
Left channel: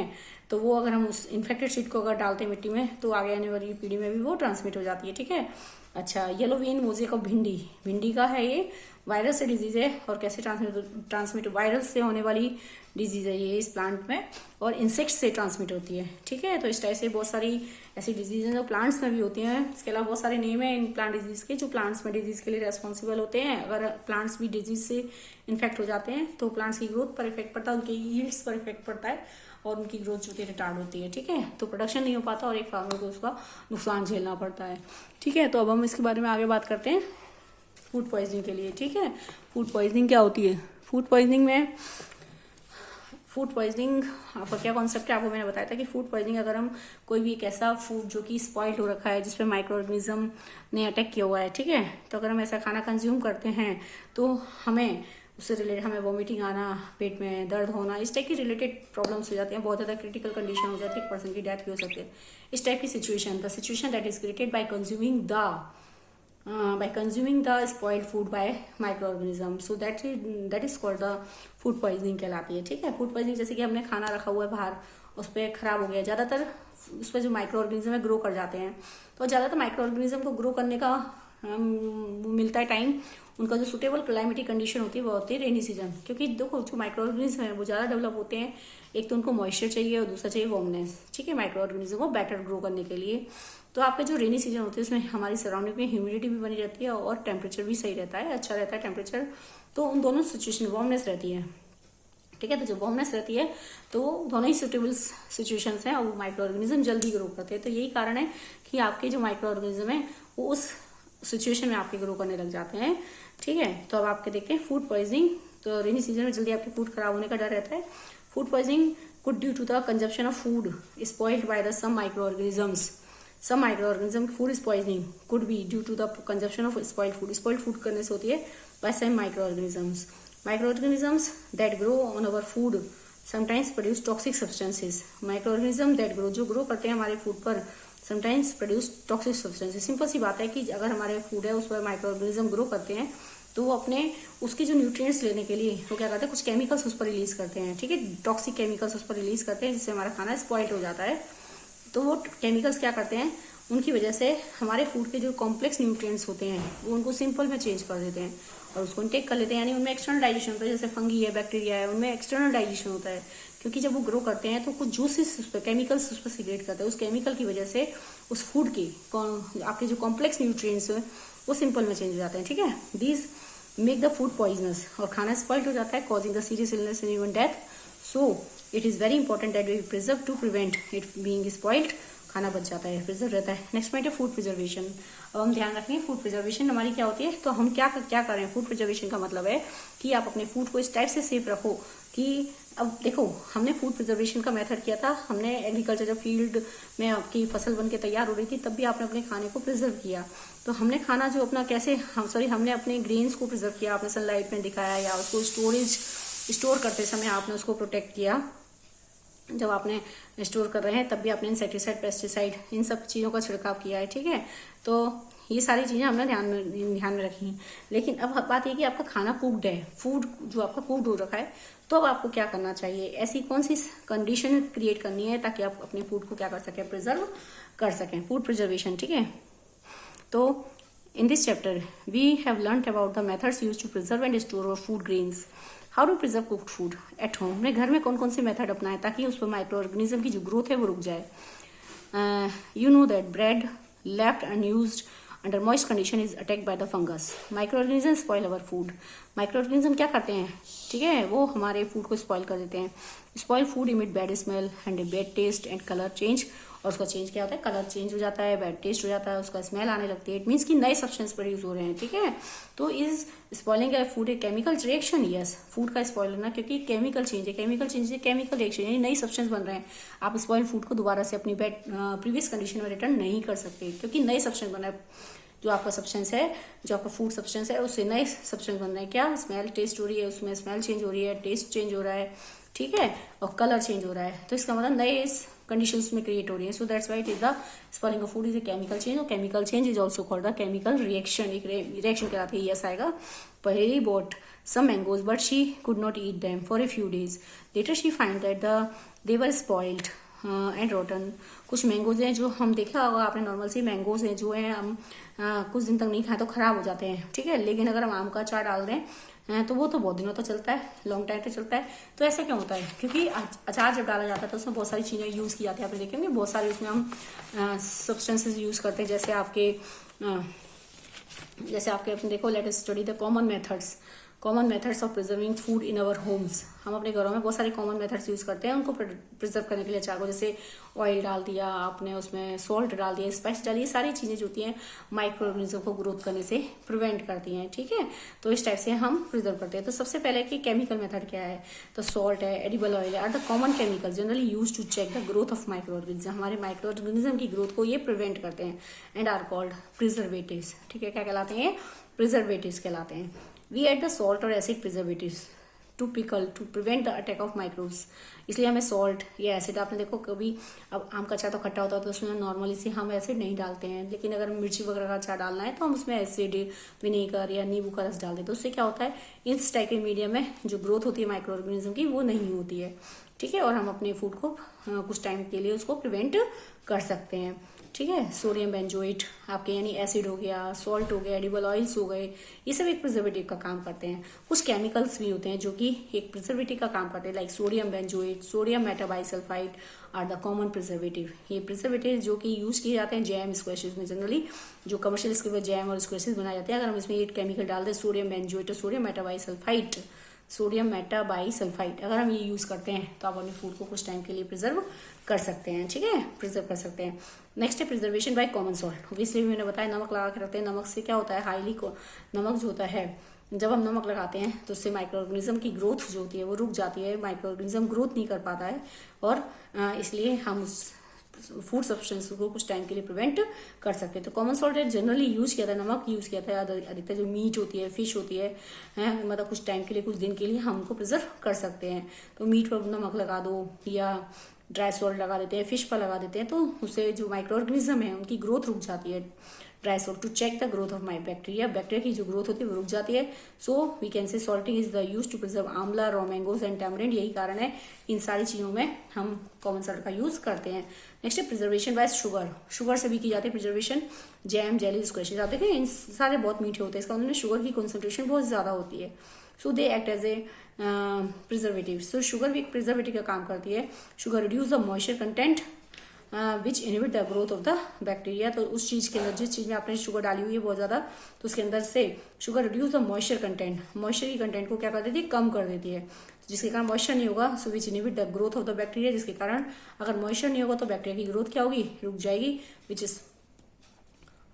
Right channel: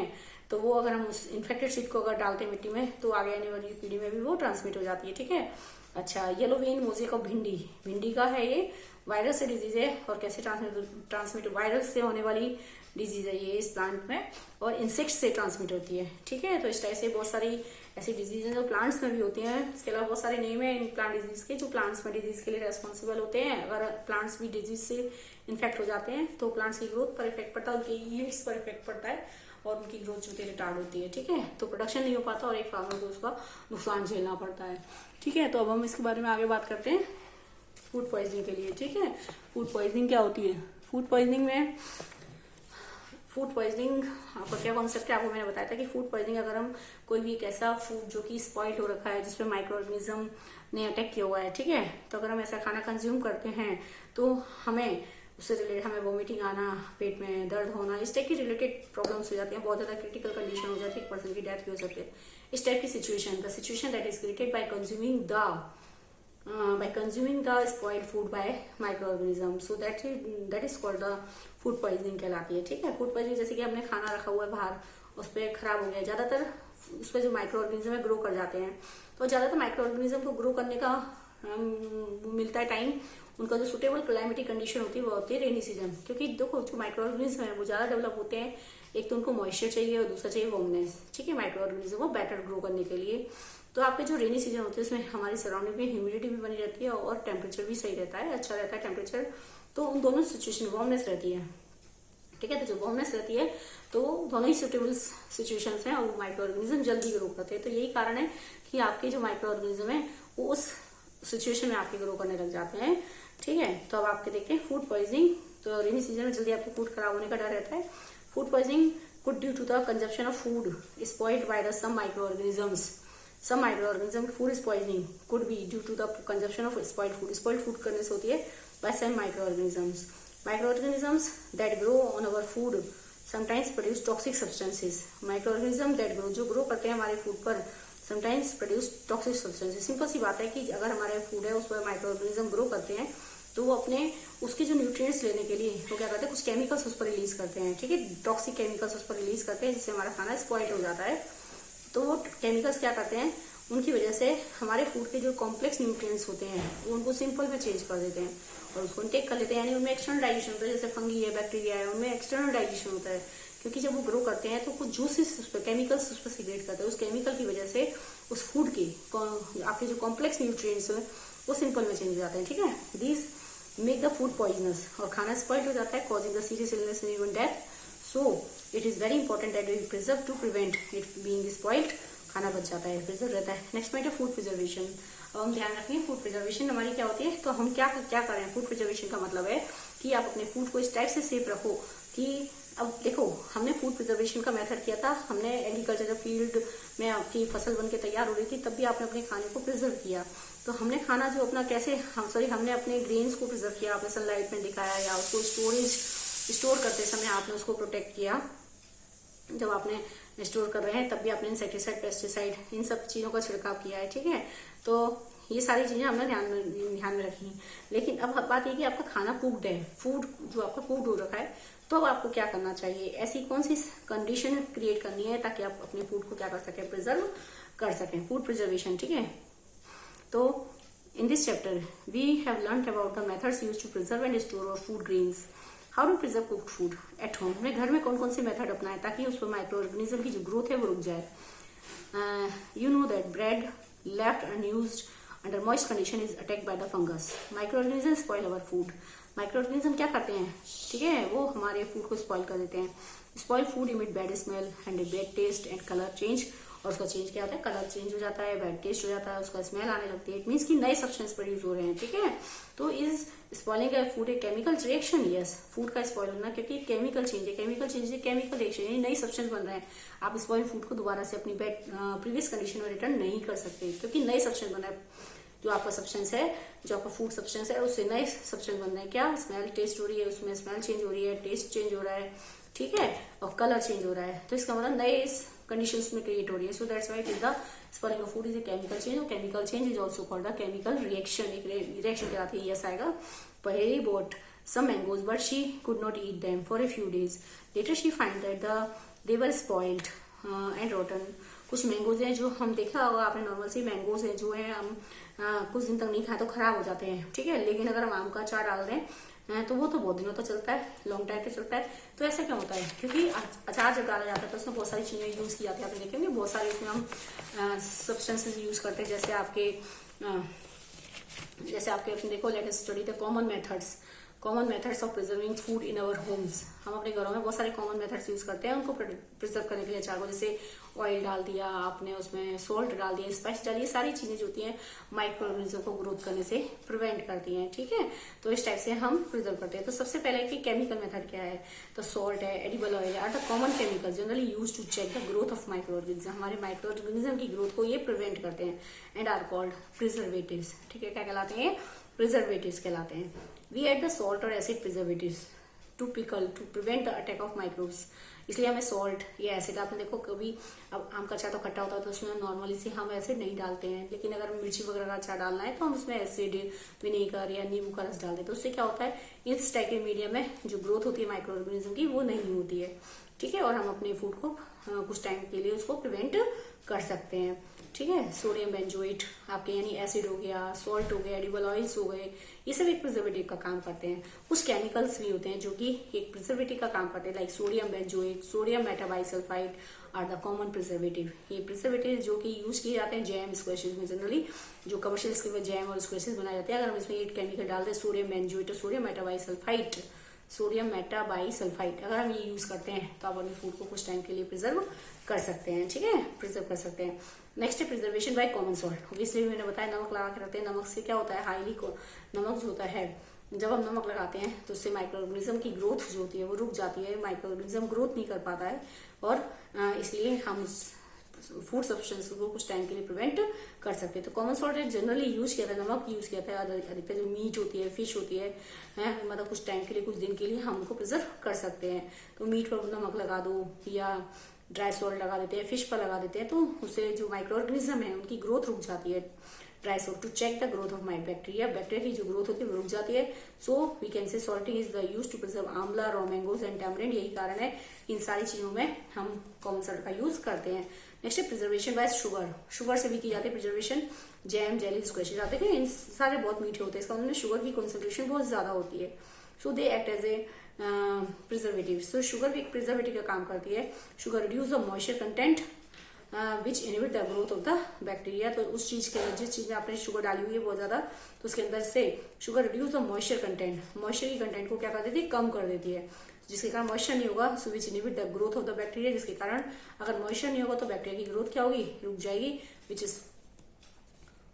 तो वो अगर हम उस इन्फेक्टेड सीड को अगर डालते हैं मिट्टी में तो आगे आने वाली पीढ़ी में भी वो ट्रांसमिट हो जाती है, ठीक है। अच्छा, येलो वेन मोज़ेक ऑफ भिंडी का है, ये वायरस से डिजीज है और कैसे ट्रांसमिट वायरस से होने वाली डिजीज है ये इस प्लांट में, और इंसेक्ट्स से ट्रांसमिट होती है, ठीक है। तो इस टाइप से बहुत सारी ऐसी डिजीज हैं जो प्लांट्स में भी होती हैं। इसके अलावा बहुत सारे नेम है इन प्लांट डिजीज के जो प्लांट्स में डिजीज के लिए रेस्पॉन्सिबल होते हैं। अगर प्लांट्स भी डिजीज से इन्फेक्ट हो जाते हैं तो प्लांट्स की ग्रोथ पर इफेक्ट पड़ता है, उनके यील्ड्स पर इफेक्ट पड़ता है और उनकी ग्रोथ जो होती है रिटार्ड होती है, ठीक है। तो प्रोडक्शन नहीं हो पाता और एक फार्मर को उसका नुकसान झेलना पड़ता है, ठीक है। तो अब हम इसके बारे में आगे बात करते हैं फूड पॉइजनिंग के लिए, ठीक है। फूड पॉइजनिंग क्या होती है, फूड पॉइजनिंग आपका क्या कॉन्सेप्ट है, आपको मैंने बताया था कि फूड पॉइजनिंग अगर हम कोई भी एक ऐसा फूड जो कि स्पॉइल्ड हो रखा है जिसपे माइक्रो ऑर्गेनिज्म ने अटैक किया हुआ है, ठीक है, तो अगर हम ऐसा खाना कंज्यूम करते हैं तो हमें उससे रिलेटेड हमें वॉमिटिंग आना, पेट में दर्द होना, इस टाइप की रिलेटेड प्रॉब्लम्स हो जाती हैं, बहुत ज्यादा क्रिटिकल कंडीशन हो जाती है, एक पर्सन की डेथ भी हो सकती है। इस टाइप की situation that is created by consuming the spoiled food by microorganism, so that is called the food poisoning कहलाती है, ठीक है। फूड पॉइजनिंग जैसे कि हमने खाना रखा हुआ है बाहर, उस पर खराब हो गया, ज्यादातर उस पर जो माइक्रो ऑर्गेनिज्म है ग्रो कर जाते हैं, तो ज्यादातर माइक्रो ऑर्गेनिज्म को ग्रो करने का मिलता है टाइम, उनका जो सुटेबल क्लाइमेटिक कंडीशन होती है वो होती है रेनी सीजन, क्योंकि देखो जो माइक्रो ऑर्गेनिज्म है वो ज्यादा डेवलप होते हैं, एक तो उनको मॉइस्चर चाहिए और दूसरा चाहिए वार्मनेस, ठीक है, माइक्रो ऑर्गेनिज्म को बेटर ग्रो करने के लिए। तो आपके जो रेनी सीजन होती है उसमें हमारी सराउंडिंग में ह्यूमिडिटी भी बनी रहती है और टेम्परेचर भी सही रहता है, अच्छा रहता है टेम्परेचर, तो उन दोनों सिचुएशन वार्मनेस रहती है, ठीक है। तो जब वार्मनेस रहती है तो दोनों ही सुटेबल सिचुएशन है और माइक्रो ऑर्गेनिज्म जल्दी ग्रो करते हैं, तो यही कारण है कि आपके जो माइक्रो ऑर्गेनिज्म है वो उस सिचुएशन में आपके ग्रो करने लग जाते हैं, ठीक है। तो अब आपके देखते हैं फूड पॉइजनिंग, तो रेनी सीजन में जल्दी आपके फूड खराब होने का डर रहता है। Food poisoning could due to the consumption of food spoiled by the some microorganisms. Some microorganism food is poisoning could be due to the consumption of spoiled food. Spoiled food करने से होती है by some microorganisms. Microorganisms that grow on our food sometimes produce toxic substances. Microorganism that grow जो grow करते हैं हमारे food पर sometimes produce toxic substances. Simple सी बात है कि अगर हमारे फूड है उस पर माइक्रोऑर्गेनिज्म ग्रो करते हैं तो वो अपने उसके जो न्यूट्रिएंट्स लेने के लिए वो क्या करते हैं, कुछ केमिकल्स उस पर रिलीज करते हैं, ठीक है, टॉक्सिक केमिकल्स उस पर रिलीज करते हैं जिससे हमारा खाना स्पॉइल हो जाता है। तो वो केमिकल्स क्या करते हैं, उनकी वजह से हमारे फूड के जो कॉम्प्लेक्स न्यूट्रिएंट्स होते हैं वो उनको सिंपल में चेंज कर देते हैं और उसको टेक कर लेते हैं, यानी उनमें एक्सटर्नल डाइजेशन होता है, जैसे फंगी है, बैक्टीरिया है, उनमें एक्सटर्नल डाइजेशन होता है, क्योंकि जब वो ग्रो करते हैं तो कुछ जूसेस उस पर केमिकल्स उस पर सीक्रेट करते हैं, उस केमिकल की वजह से उस फूड के आपके जो कॉम्प्लेक्स न्यूट्रिएंट्स है वो सिंपल में चेंज हो जाते हैं, ठीक है। These make the food poisonous और खाना स्पॉइल्ड हो जाता है, causing the serious illness and even death. So it is very important that we preserve to prevent it being spoiled, खाना बच जाता है, प्रिजर्व रहता है। नेक्स्ट पॉइंट है फूड प्रिजर्वेशन। अब हम ध्यान रखें फूड प्रिजर्वेशन हमारी क्या होती है, तो हम क्या करें। फूड प्रिजर्वेशन का मतलब है कि आप अपने फूड को इस टाइप से सेफ रखो कि अब देखो, हमने फूड प्रिजर्वेशन का मेथड किया था, हमने एग्रीकल्चर जब फील्ड में आपकी फसल बन के तैयार हो रही थी तब भी आपने अपने खाने को प्रिजर्व किया। तो हमने खाना जो अपना कैसे हमने अपने ग्रेन्स को प्रिजर्व किया, आपने सनलाइट में दिखाया, या उसको स्टोर करते समय आपने उसको प्रोटेक्ट किया। जब आपने स्टोर कर रहे हैं तब भी आपने इंसेक्टिसाइड, पेस्टिसाइड, इन सब चीजों का छिड़काव किया है, ठीक है। तो ये सारी चीजें हमने ध्यान में रखी। लेकिन अब बात ये कि आपका खाना कुक्ड है, फूड जो आपका कुक्ड हो रखा है, तो अब आपको क्या करना चाहिए, ऐसी कौन सी कंडीशन क्रिएट करनी है ताकि आप अपने फूड को क्या कर सकें, प्रिजर्व कर सकें, फूड प्रिजर्वेशन, ठीक है। तो in this chapter we have learn about the methods used to preserve and store our food grains, how to preserve cooked food at home. अपने घर में कौन कौन से मेथड अपनाएं ताकि उस पर माइक्रो ऑर्गेनिज्म की जो ग्रोथ है वो रुक जाए। You know that bread left unused under moist condition is attacked by the fungus. Micro organism spoil our food. Micro organism क्या करते हैं, ठीक है, वो हमारे फूड को स्पॉइल कर देते हैं। Spoil food emit bad smell and bad taste and colour change. और उसका चेंज क्या होता है, कलर चेंज हो जाता है, बैड टेस्ट हो जाता है, उसका स्मेल आने लगती है। इट मीन्स कि नए सब्सटेंस प्रोड्यूस हो रहे हैं, ठीक है। तो is spoiling A food a chemical reaction, yes, food का स्पॉइल होना क्योंकि केमिकल चेंज है, केमिकल रिएक्शन, यानी नई सब्सटेंस बन रहे हैं। आप स्पॉइल फूड को दोबारा से अपनी प्रीवियस कंडीशन में रिटर्न नहीं कर सकते क्योंकि नई सब्सटेंस बन रहा है। जो आपका सब्सटेंस है, जो आपका फूड सब्सटेंस है, उससे नए सब्सटेंस बन रहे हैं। क्या, स्मेल टेस्ट हो रही है, उसमें स्मेल चेंज हो रही है, टेस्ट चेंज हो रहा है, ठीक है, और कलर चेंज हो रहा है। तो इसका मतलब नए कंडीशंस में क्रिएट हो रही है। So that's why it is the spoiling of food is a chemical change, और chemical change is also called the chemical reaction. एक रिएक्शन कहलाती है, यस आएगा। पहेली बोट some mangoes but she could not eat them for a few days. Later she find that they were spoiled and rotten. कुछ mangoes हैं जो हम देखा होगा आपने, नॉर्मल सी मैंगोज हैं जो है हम कुछ दिन तक नहीं खाए तो खराब हो जाते हैं, ठीक है। लेकिन अगर हम आम का अचार डाल दें तो वो तो बहुत दिनों तक चलता है, लॉन्ग टाइम तक चलता है। तो ऐसा क्यों होता है, क्योंकि अचार जब डाला जाता है तो उसमें बहुत सारी चीजें यूज की जाती है। आपने देखेंगे बहुत सारे उसमें हम सब्सटेंसेज यूज करते हैं, जैसे आपके अपने देखो, let us study the common methods of preserving food in our Holmes. हम अपने घरों में बहुत सारे कॉमन मेथड्स यूज करते हैं उनको प्रिजर्व करने के लिए अचार को, जैसे ऑयल डाल दिया आपने, उसमें सॉल्ट डाल दिया, स्पाइस डाली, सारी चीजें जो होती हैं माइक्रो ऑर्गेनिज्म को ग्रोथ करने से प्रिवेंट करती हैं, ठीक है। तो इस टाइप से हम प्रिजर्व करते हैं। तो सबसे पहले कि केमिकल मेथड क्या है, तो सॉल्ट है, एडिबल ऑयल है, are the common chemical generally use to check the growth of micro organism. हमारे माइक्रो ऑर्गेनिज्म की ग्रोथ को ये प्रिवेंट करते हैं एंड आर कॉल्ड प्रिजर्वेटिव्स, ठीक है। क्या कहलाते हैं, प्रिजर्वेटिव्स कहलाते हैं। वी एड द सॉल्ट और acid preservatives to prevent the attack of microbes. इसलिए हमें सॉल्ट या एसिड, आपने देखो कभी अब आम का अचार तो खट्टा होता है तो उसमें नॉर्मली से हम एसिड नहीं डालते हैं, लेकिन अगर मिर्ची वगैरह का अचार डालना है तो हम उसमें एसिड, विनेगर या नींबू का रस डाल देते हैं। तो उससे क्या होता है, इस टाइप के मीडियम में जो ग्रोथ होती है माइक्रो ऑर्गेनिज्म की वो नहीं होती है, ठीक है। और हम अपने फूड को कुछ टाइम के लिए उसको प्रिवेंट कर सकते हैं, ठीक है। सोडियम बेंजोएट आपके यानी एसिड हो गया, सॉल्ट हो गया, एडिबल ऑयल्स हो गए, ये सब एक प्रिजर्वेटिव का काम करते हैं। कुछ केमिकल्स भी होते हैं जो कि एक प्रिजर्वेटिव का काम करते हैं, like sodium benzoate, sodium metabisulphite are the common preservative. ये प्रिजर्वेटिव जो कि यूज किए जाते हैं जैम स्क्वैशेस में, जनरली जो कमर्शियल स्केल में जैम और स्क्वैशेस बनाए जाते हैं। अगर हम इसमें ये केमिकल डाल दें सोडियम बेंजोएट और सोडियम मेटाबाइसल्फाइड, अगर हम ये यूज करते हैं तो आप अपने फूड को कुछ टाइम के लिए प्रिजर्व कर सकते हैं, ठीक है, प्रिजर्व कर सकते हैं। नेक्स्ट है प्रिजर्वेशन बाय कॉमन सॉल्ट। इसलिए मैंने बताया नमक लगा के रखते हैं। नमक से क्या होता है, नमक जो होता है, जब हम नमक लगाते हैं तो उससे माइक्रो ऑर्गेनिज्म की ग्रोथ जो होती है वो रुक जाती है, माइक्रो ऑर्गेनिज्म ग्रोथ नहीं कर पाता है, और इसलिए हम फूड सब्सटेंस को कुछ टाइम के लिए प्रिवेंट कर सकते हैं। तो कॉमन सॉल्ट जनरली यूज किया था, नमक यूज किया था अधिकतर जो मीट होती है, फिश होती है, मतलब कुछ टाइम के लिए, कुछ दिन के लिए हम उनको प्रिजर्व कर सकते हैं। तो मीट पर नमक लगा दो या ड्राई सॉल्ट लगा देते हैं, फिश पर लगा देते हैं, तो उससे जो माइक्रो ऑर्गेनिज्म है उनकी ग्रोथ रुक जाती है। Dry salt to check the growth of bacteria की जो ग्रोथ होती है वो रुक जाती है। So we can say salting is the use to preserve amla, raw mangoes and tamarind. यही कारण है इन सारी चीजों में हम कॉमन सॉल्ट का यूज करते हैं। नेक्स्ट है प्रिजर्वेशन बाय शुगर से भी की जाती है प्रिजर्वेशन। जैम, जेली, स्क्वैशेस आते हैं, इन सारे बहुत मीठे होते हैं, इसका मतलब शुगर की कॉन्सेंट्रेशन बहुत ज्यादा होती है। So they act as a preservative. So sugar भी एक प्रिजर्वेटिव का काम करती है। Sugar reduce the moisture content which inhibit the growth of the bacteria. तो उस चीज के अंदर, जिस चीज में आपने शुगर डाली हुई है बहुत ज्यादा, तो उसके अंदर से sugar reduce the moisture content, moisture की कंटेंट को क्या कर देती है, कम कर देती है, जिसके कारण मॉइस्चर नहीं होगा। So which inhibit the growth of the bacteria, जिसके कारण अगर मॉइस्चर नहीं होगा तो बैक्टीरिया की ग्रोथ क्या होगी, रुक जाएगी, which is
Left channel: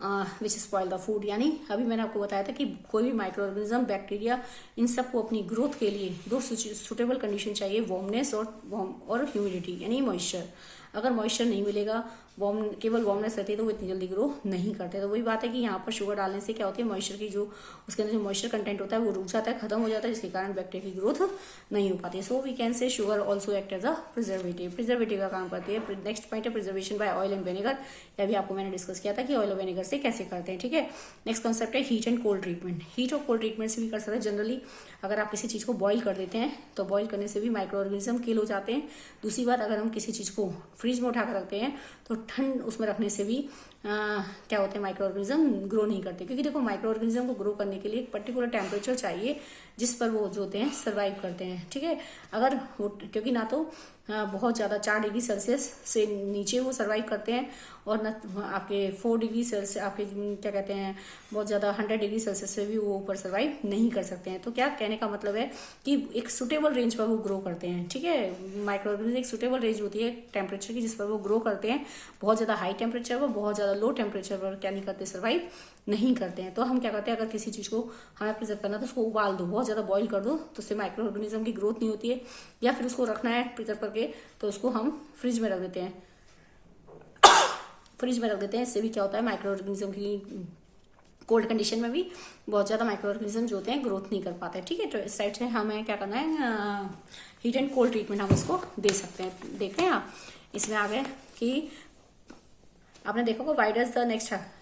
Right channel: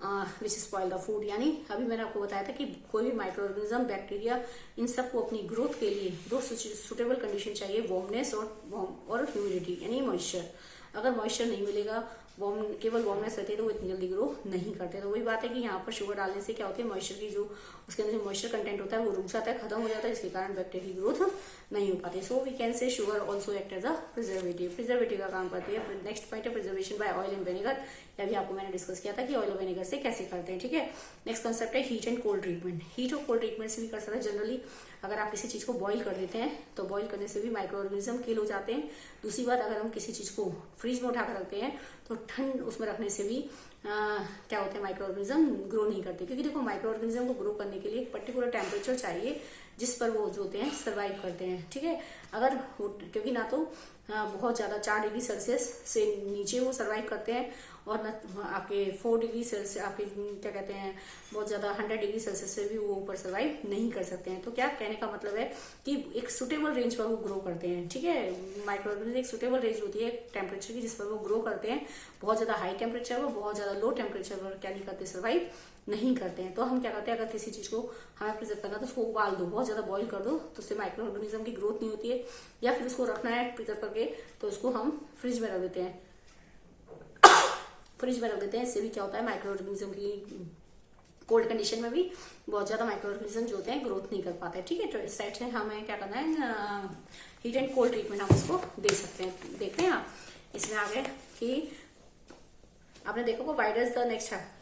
which spoil the food. यानी अभी मैंने आपको बताया था कि कोई भी माइक्रो ऑर्गेनिज्म, बैक्टीरिया, इन सबको अपनी ग्रोथ के लिए दो सुटेबल कंडीशन चाहिए, वार्मनेस और ह्यूमिडिटी यानी मॉइस्चर। अगर मॉइस्चर नहीं मिलेगा, केवल वार्मनेस रहती है तो वो इतनी जल्दी ग्रो नहीं करते। तो वही बात है कि यहाँ पर शुगर डालने से क्या होती है, मॉइस्चर की जो उसके अंदर जो मॉइस्चर कंटेंट होता है वो रुक जाता है, खत्म हो जाता है, जिसके कारण बैक्टीरिया की ग्रोथ नहीं हो पाती। So we can say sugar also act as a preservative का काम करती है। नेक्स्ट पॉइंट है preservation by oil and vinegar. यह भी आपको मैंने डिस्कस किया था कि ऑयल और विनेगर से कैसे करते हैं, ठीक है। नेक्स्ट कॉन्सेप्ट है heat and cold treatment. Heat और कोल्ड ट्रीटमेंट से भी कर सकते हैं। जनरली अगर आप किसी चीज को बॉईल कर देते हैं तो बॉईल करने से भी माइक्रो ऑर्गेनिज्म किल हो जाते हैं। दूसरी बात, अगर हम किसी चीज को फ्रिज में उठाकर रखते हैं तो ठंड उसमें रखने से भी क्या होता है, माइक्रो ऑर्गेनिज्म ग्रो नहीं करते। क्योंकि देखो माइक्रो ऑर्गेनिज्म को ग्रो करने के लिए एक पर्टिकुलर टेम्परेचर चाहिए जिस पर वो जो होते हैं सर्वाइव करते हैं, ठीक है। अगर क्योंकि ना तो बहुत ज्यादा 4 डिग्री सेल्सियस से नीचे वो सर्वाइव करते हैं और न आपके 4 डिग्री सेल्सियस, आपके क्या कहते हैं, बहुत ज्यादा 100 डिग्री सेल्सियस से भी वो ऊपर सर्वाइव नहीं कर सकते हैं। तो क्या कहने का मतलब है कि एक सुटेबल रेंज पर वो ग्रो करते हैं, ठीक है। माइक्रो ऑर्गेनिज्म एक सुटेबल रेंज होती है टेम्परेचर की जिस पर वो ग्रो करते हैं। बहुत ज्यादा हाई टेम्परेचर पर, बहुत ज्यादा लो टेम्परेचर पर क्या नहीं करते, सर्वाइव नहीं करते हैं। तो हम क्या करते हैं, अगर किसी चीज को हमें प्रिजर्व करना है तो उसको उबाल दो, बहुत ज्यादा बॉईल कर दो, तो उससे माइक्रो ऑर्गेनिज्म की ग्रोथ नहीं होती है। या फिर उसको रखना है प्रिजर्व करके तो उसको हम फ्रिज में रख देते हैं, इससे भी क्या होता है, माइक्रो ऑर्गेनिज्म की कोल्ड कंडीशन में भी बहुत ज्यादा माइक्रो ऑर्गेनिज्म जो होते हैं ग्रोथ नहीं कर पाते, ठीक है। तो इस साइड से हमें क्या करना है, हीट एंड कोल्ड ट्रीटमेंट हम उसको दे सकते हैं। देखते हैं आप इसमें आ गए कि आपने देखा होगा वाई डज द नेक्स्ट है,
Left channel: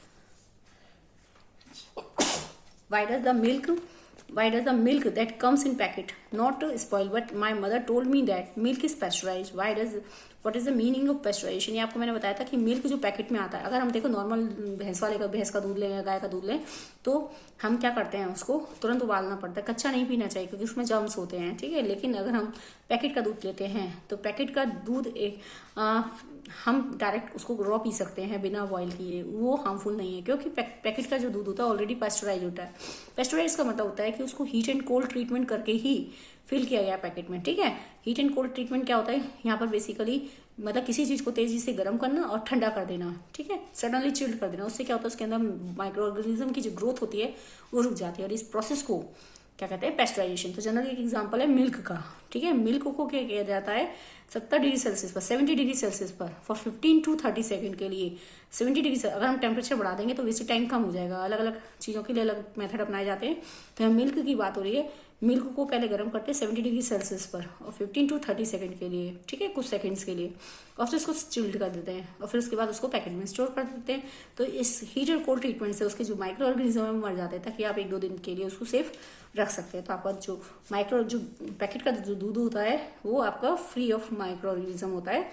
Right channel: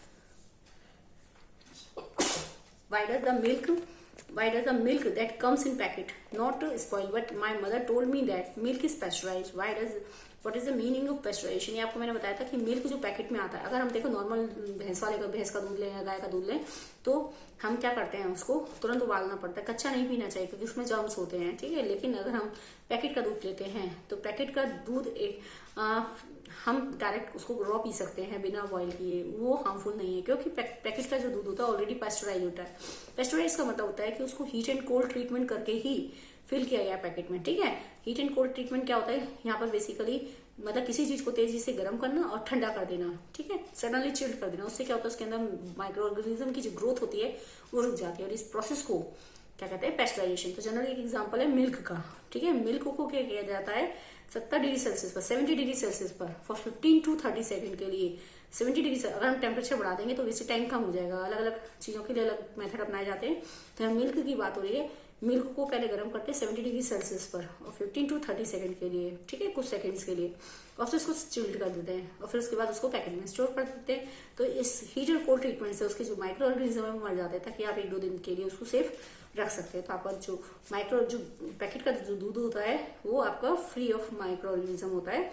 why does the milk that comes in packet not spoil, but my mother told me that milk is pasteurized? What is the meaning of pasteurization? ये आपको मैंने बताया था कि मिल्क जो पैकेट में आता है, अगर हम देखो नॉर्मल भैंस का दूध लें या गाय का दूध लें तो हम क्या करते हैं, उसको तुरंत उबालना पड़ता है। कच्चा नहीं पीना चाहिए क्योंकि उसमें जर्म्स होते हैं, ठीक है। लेकिन अगर हम पैकेट का दूध लेते हैं तो पैकेट का दूध हम डायरेक्ट उसको रॉ पी सकते हैं बिना बॉईल किए, वो हार्मफुल नहीं है। क्योंकि पैकेट का जो दूध होता है ऑलरेडी पेस्चराइज होता है। पेस्चराइज का मतलब होता है कि उसको हीट एंड कोल्ड ट्रीटमेंट करके ही फिल किया गया पैकेट में, ठीक है। हीट एंड कोल्ड ट्रीटमेंट क्या होता है, यहाँ पर बेसिकली मतलब किसी चीज को तेजी से गर्म करना और ठंडा कर देना, ठीक है, सडनली चिल्ड कर देना। उससे क्या होता है, उसके अंदर माइक्रो ऑर्गेनिज्म की जो ग्रोथ होती है वो रुक जाती है और इस प्रोसेस को क्या कहते हैं, पेस्चराइजेशन। तो जनरली एक एग्जाम्पल है मिल्क का, ठीक है। मिल्क को क्या किया जाता है 70 डिग्री सेल्सियस पर, 70 डिग्री सेल्सियस पर फॉर 15 to 30 सेकंड के लिए। 70 डिग्री से अगर हम टेम्परेचर बढ़ा देंगे तो वैसे टाइम कम हो जाएगा। अलग अलग चीजों के लिए अलग मेथड अपनाए जाते हैं। तो यहाँ मिल्क की बात हो रही है, मिल्क को पहले गर्म करते हैं 70 डिग्री सेल्सियस पर और 15 to 30 सेकंड के लिए, ठीक है, कुछ सेकंड्स के लिए, और फिर उसको चिल्ड कर देते हैं और फिर उसके बाद उसको पैकेट में स्टोर कर देते हैं। तो इस हीट और कोल्ड ट्रीटमेंट से उसके जो माइक्रो ऑर्गेनिज्म है वो मर जाते हैं, ताकि आप 1-2 दिन के लिए उसको सेफ रख सकते हैं। तो आपका जो पैकेट का जो दूध होता है वो आपका फ्री ऑफ माइक्रो ऑर्गेनिज्म होता है,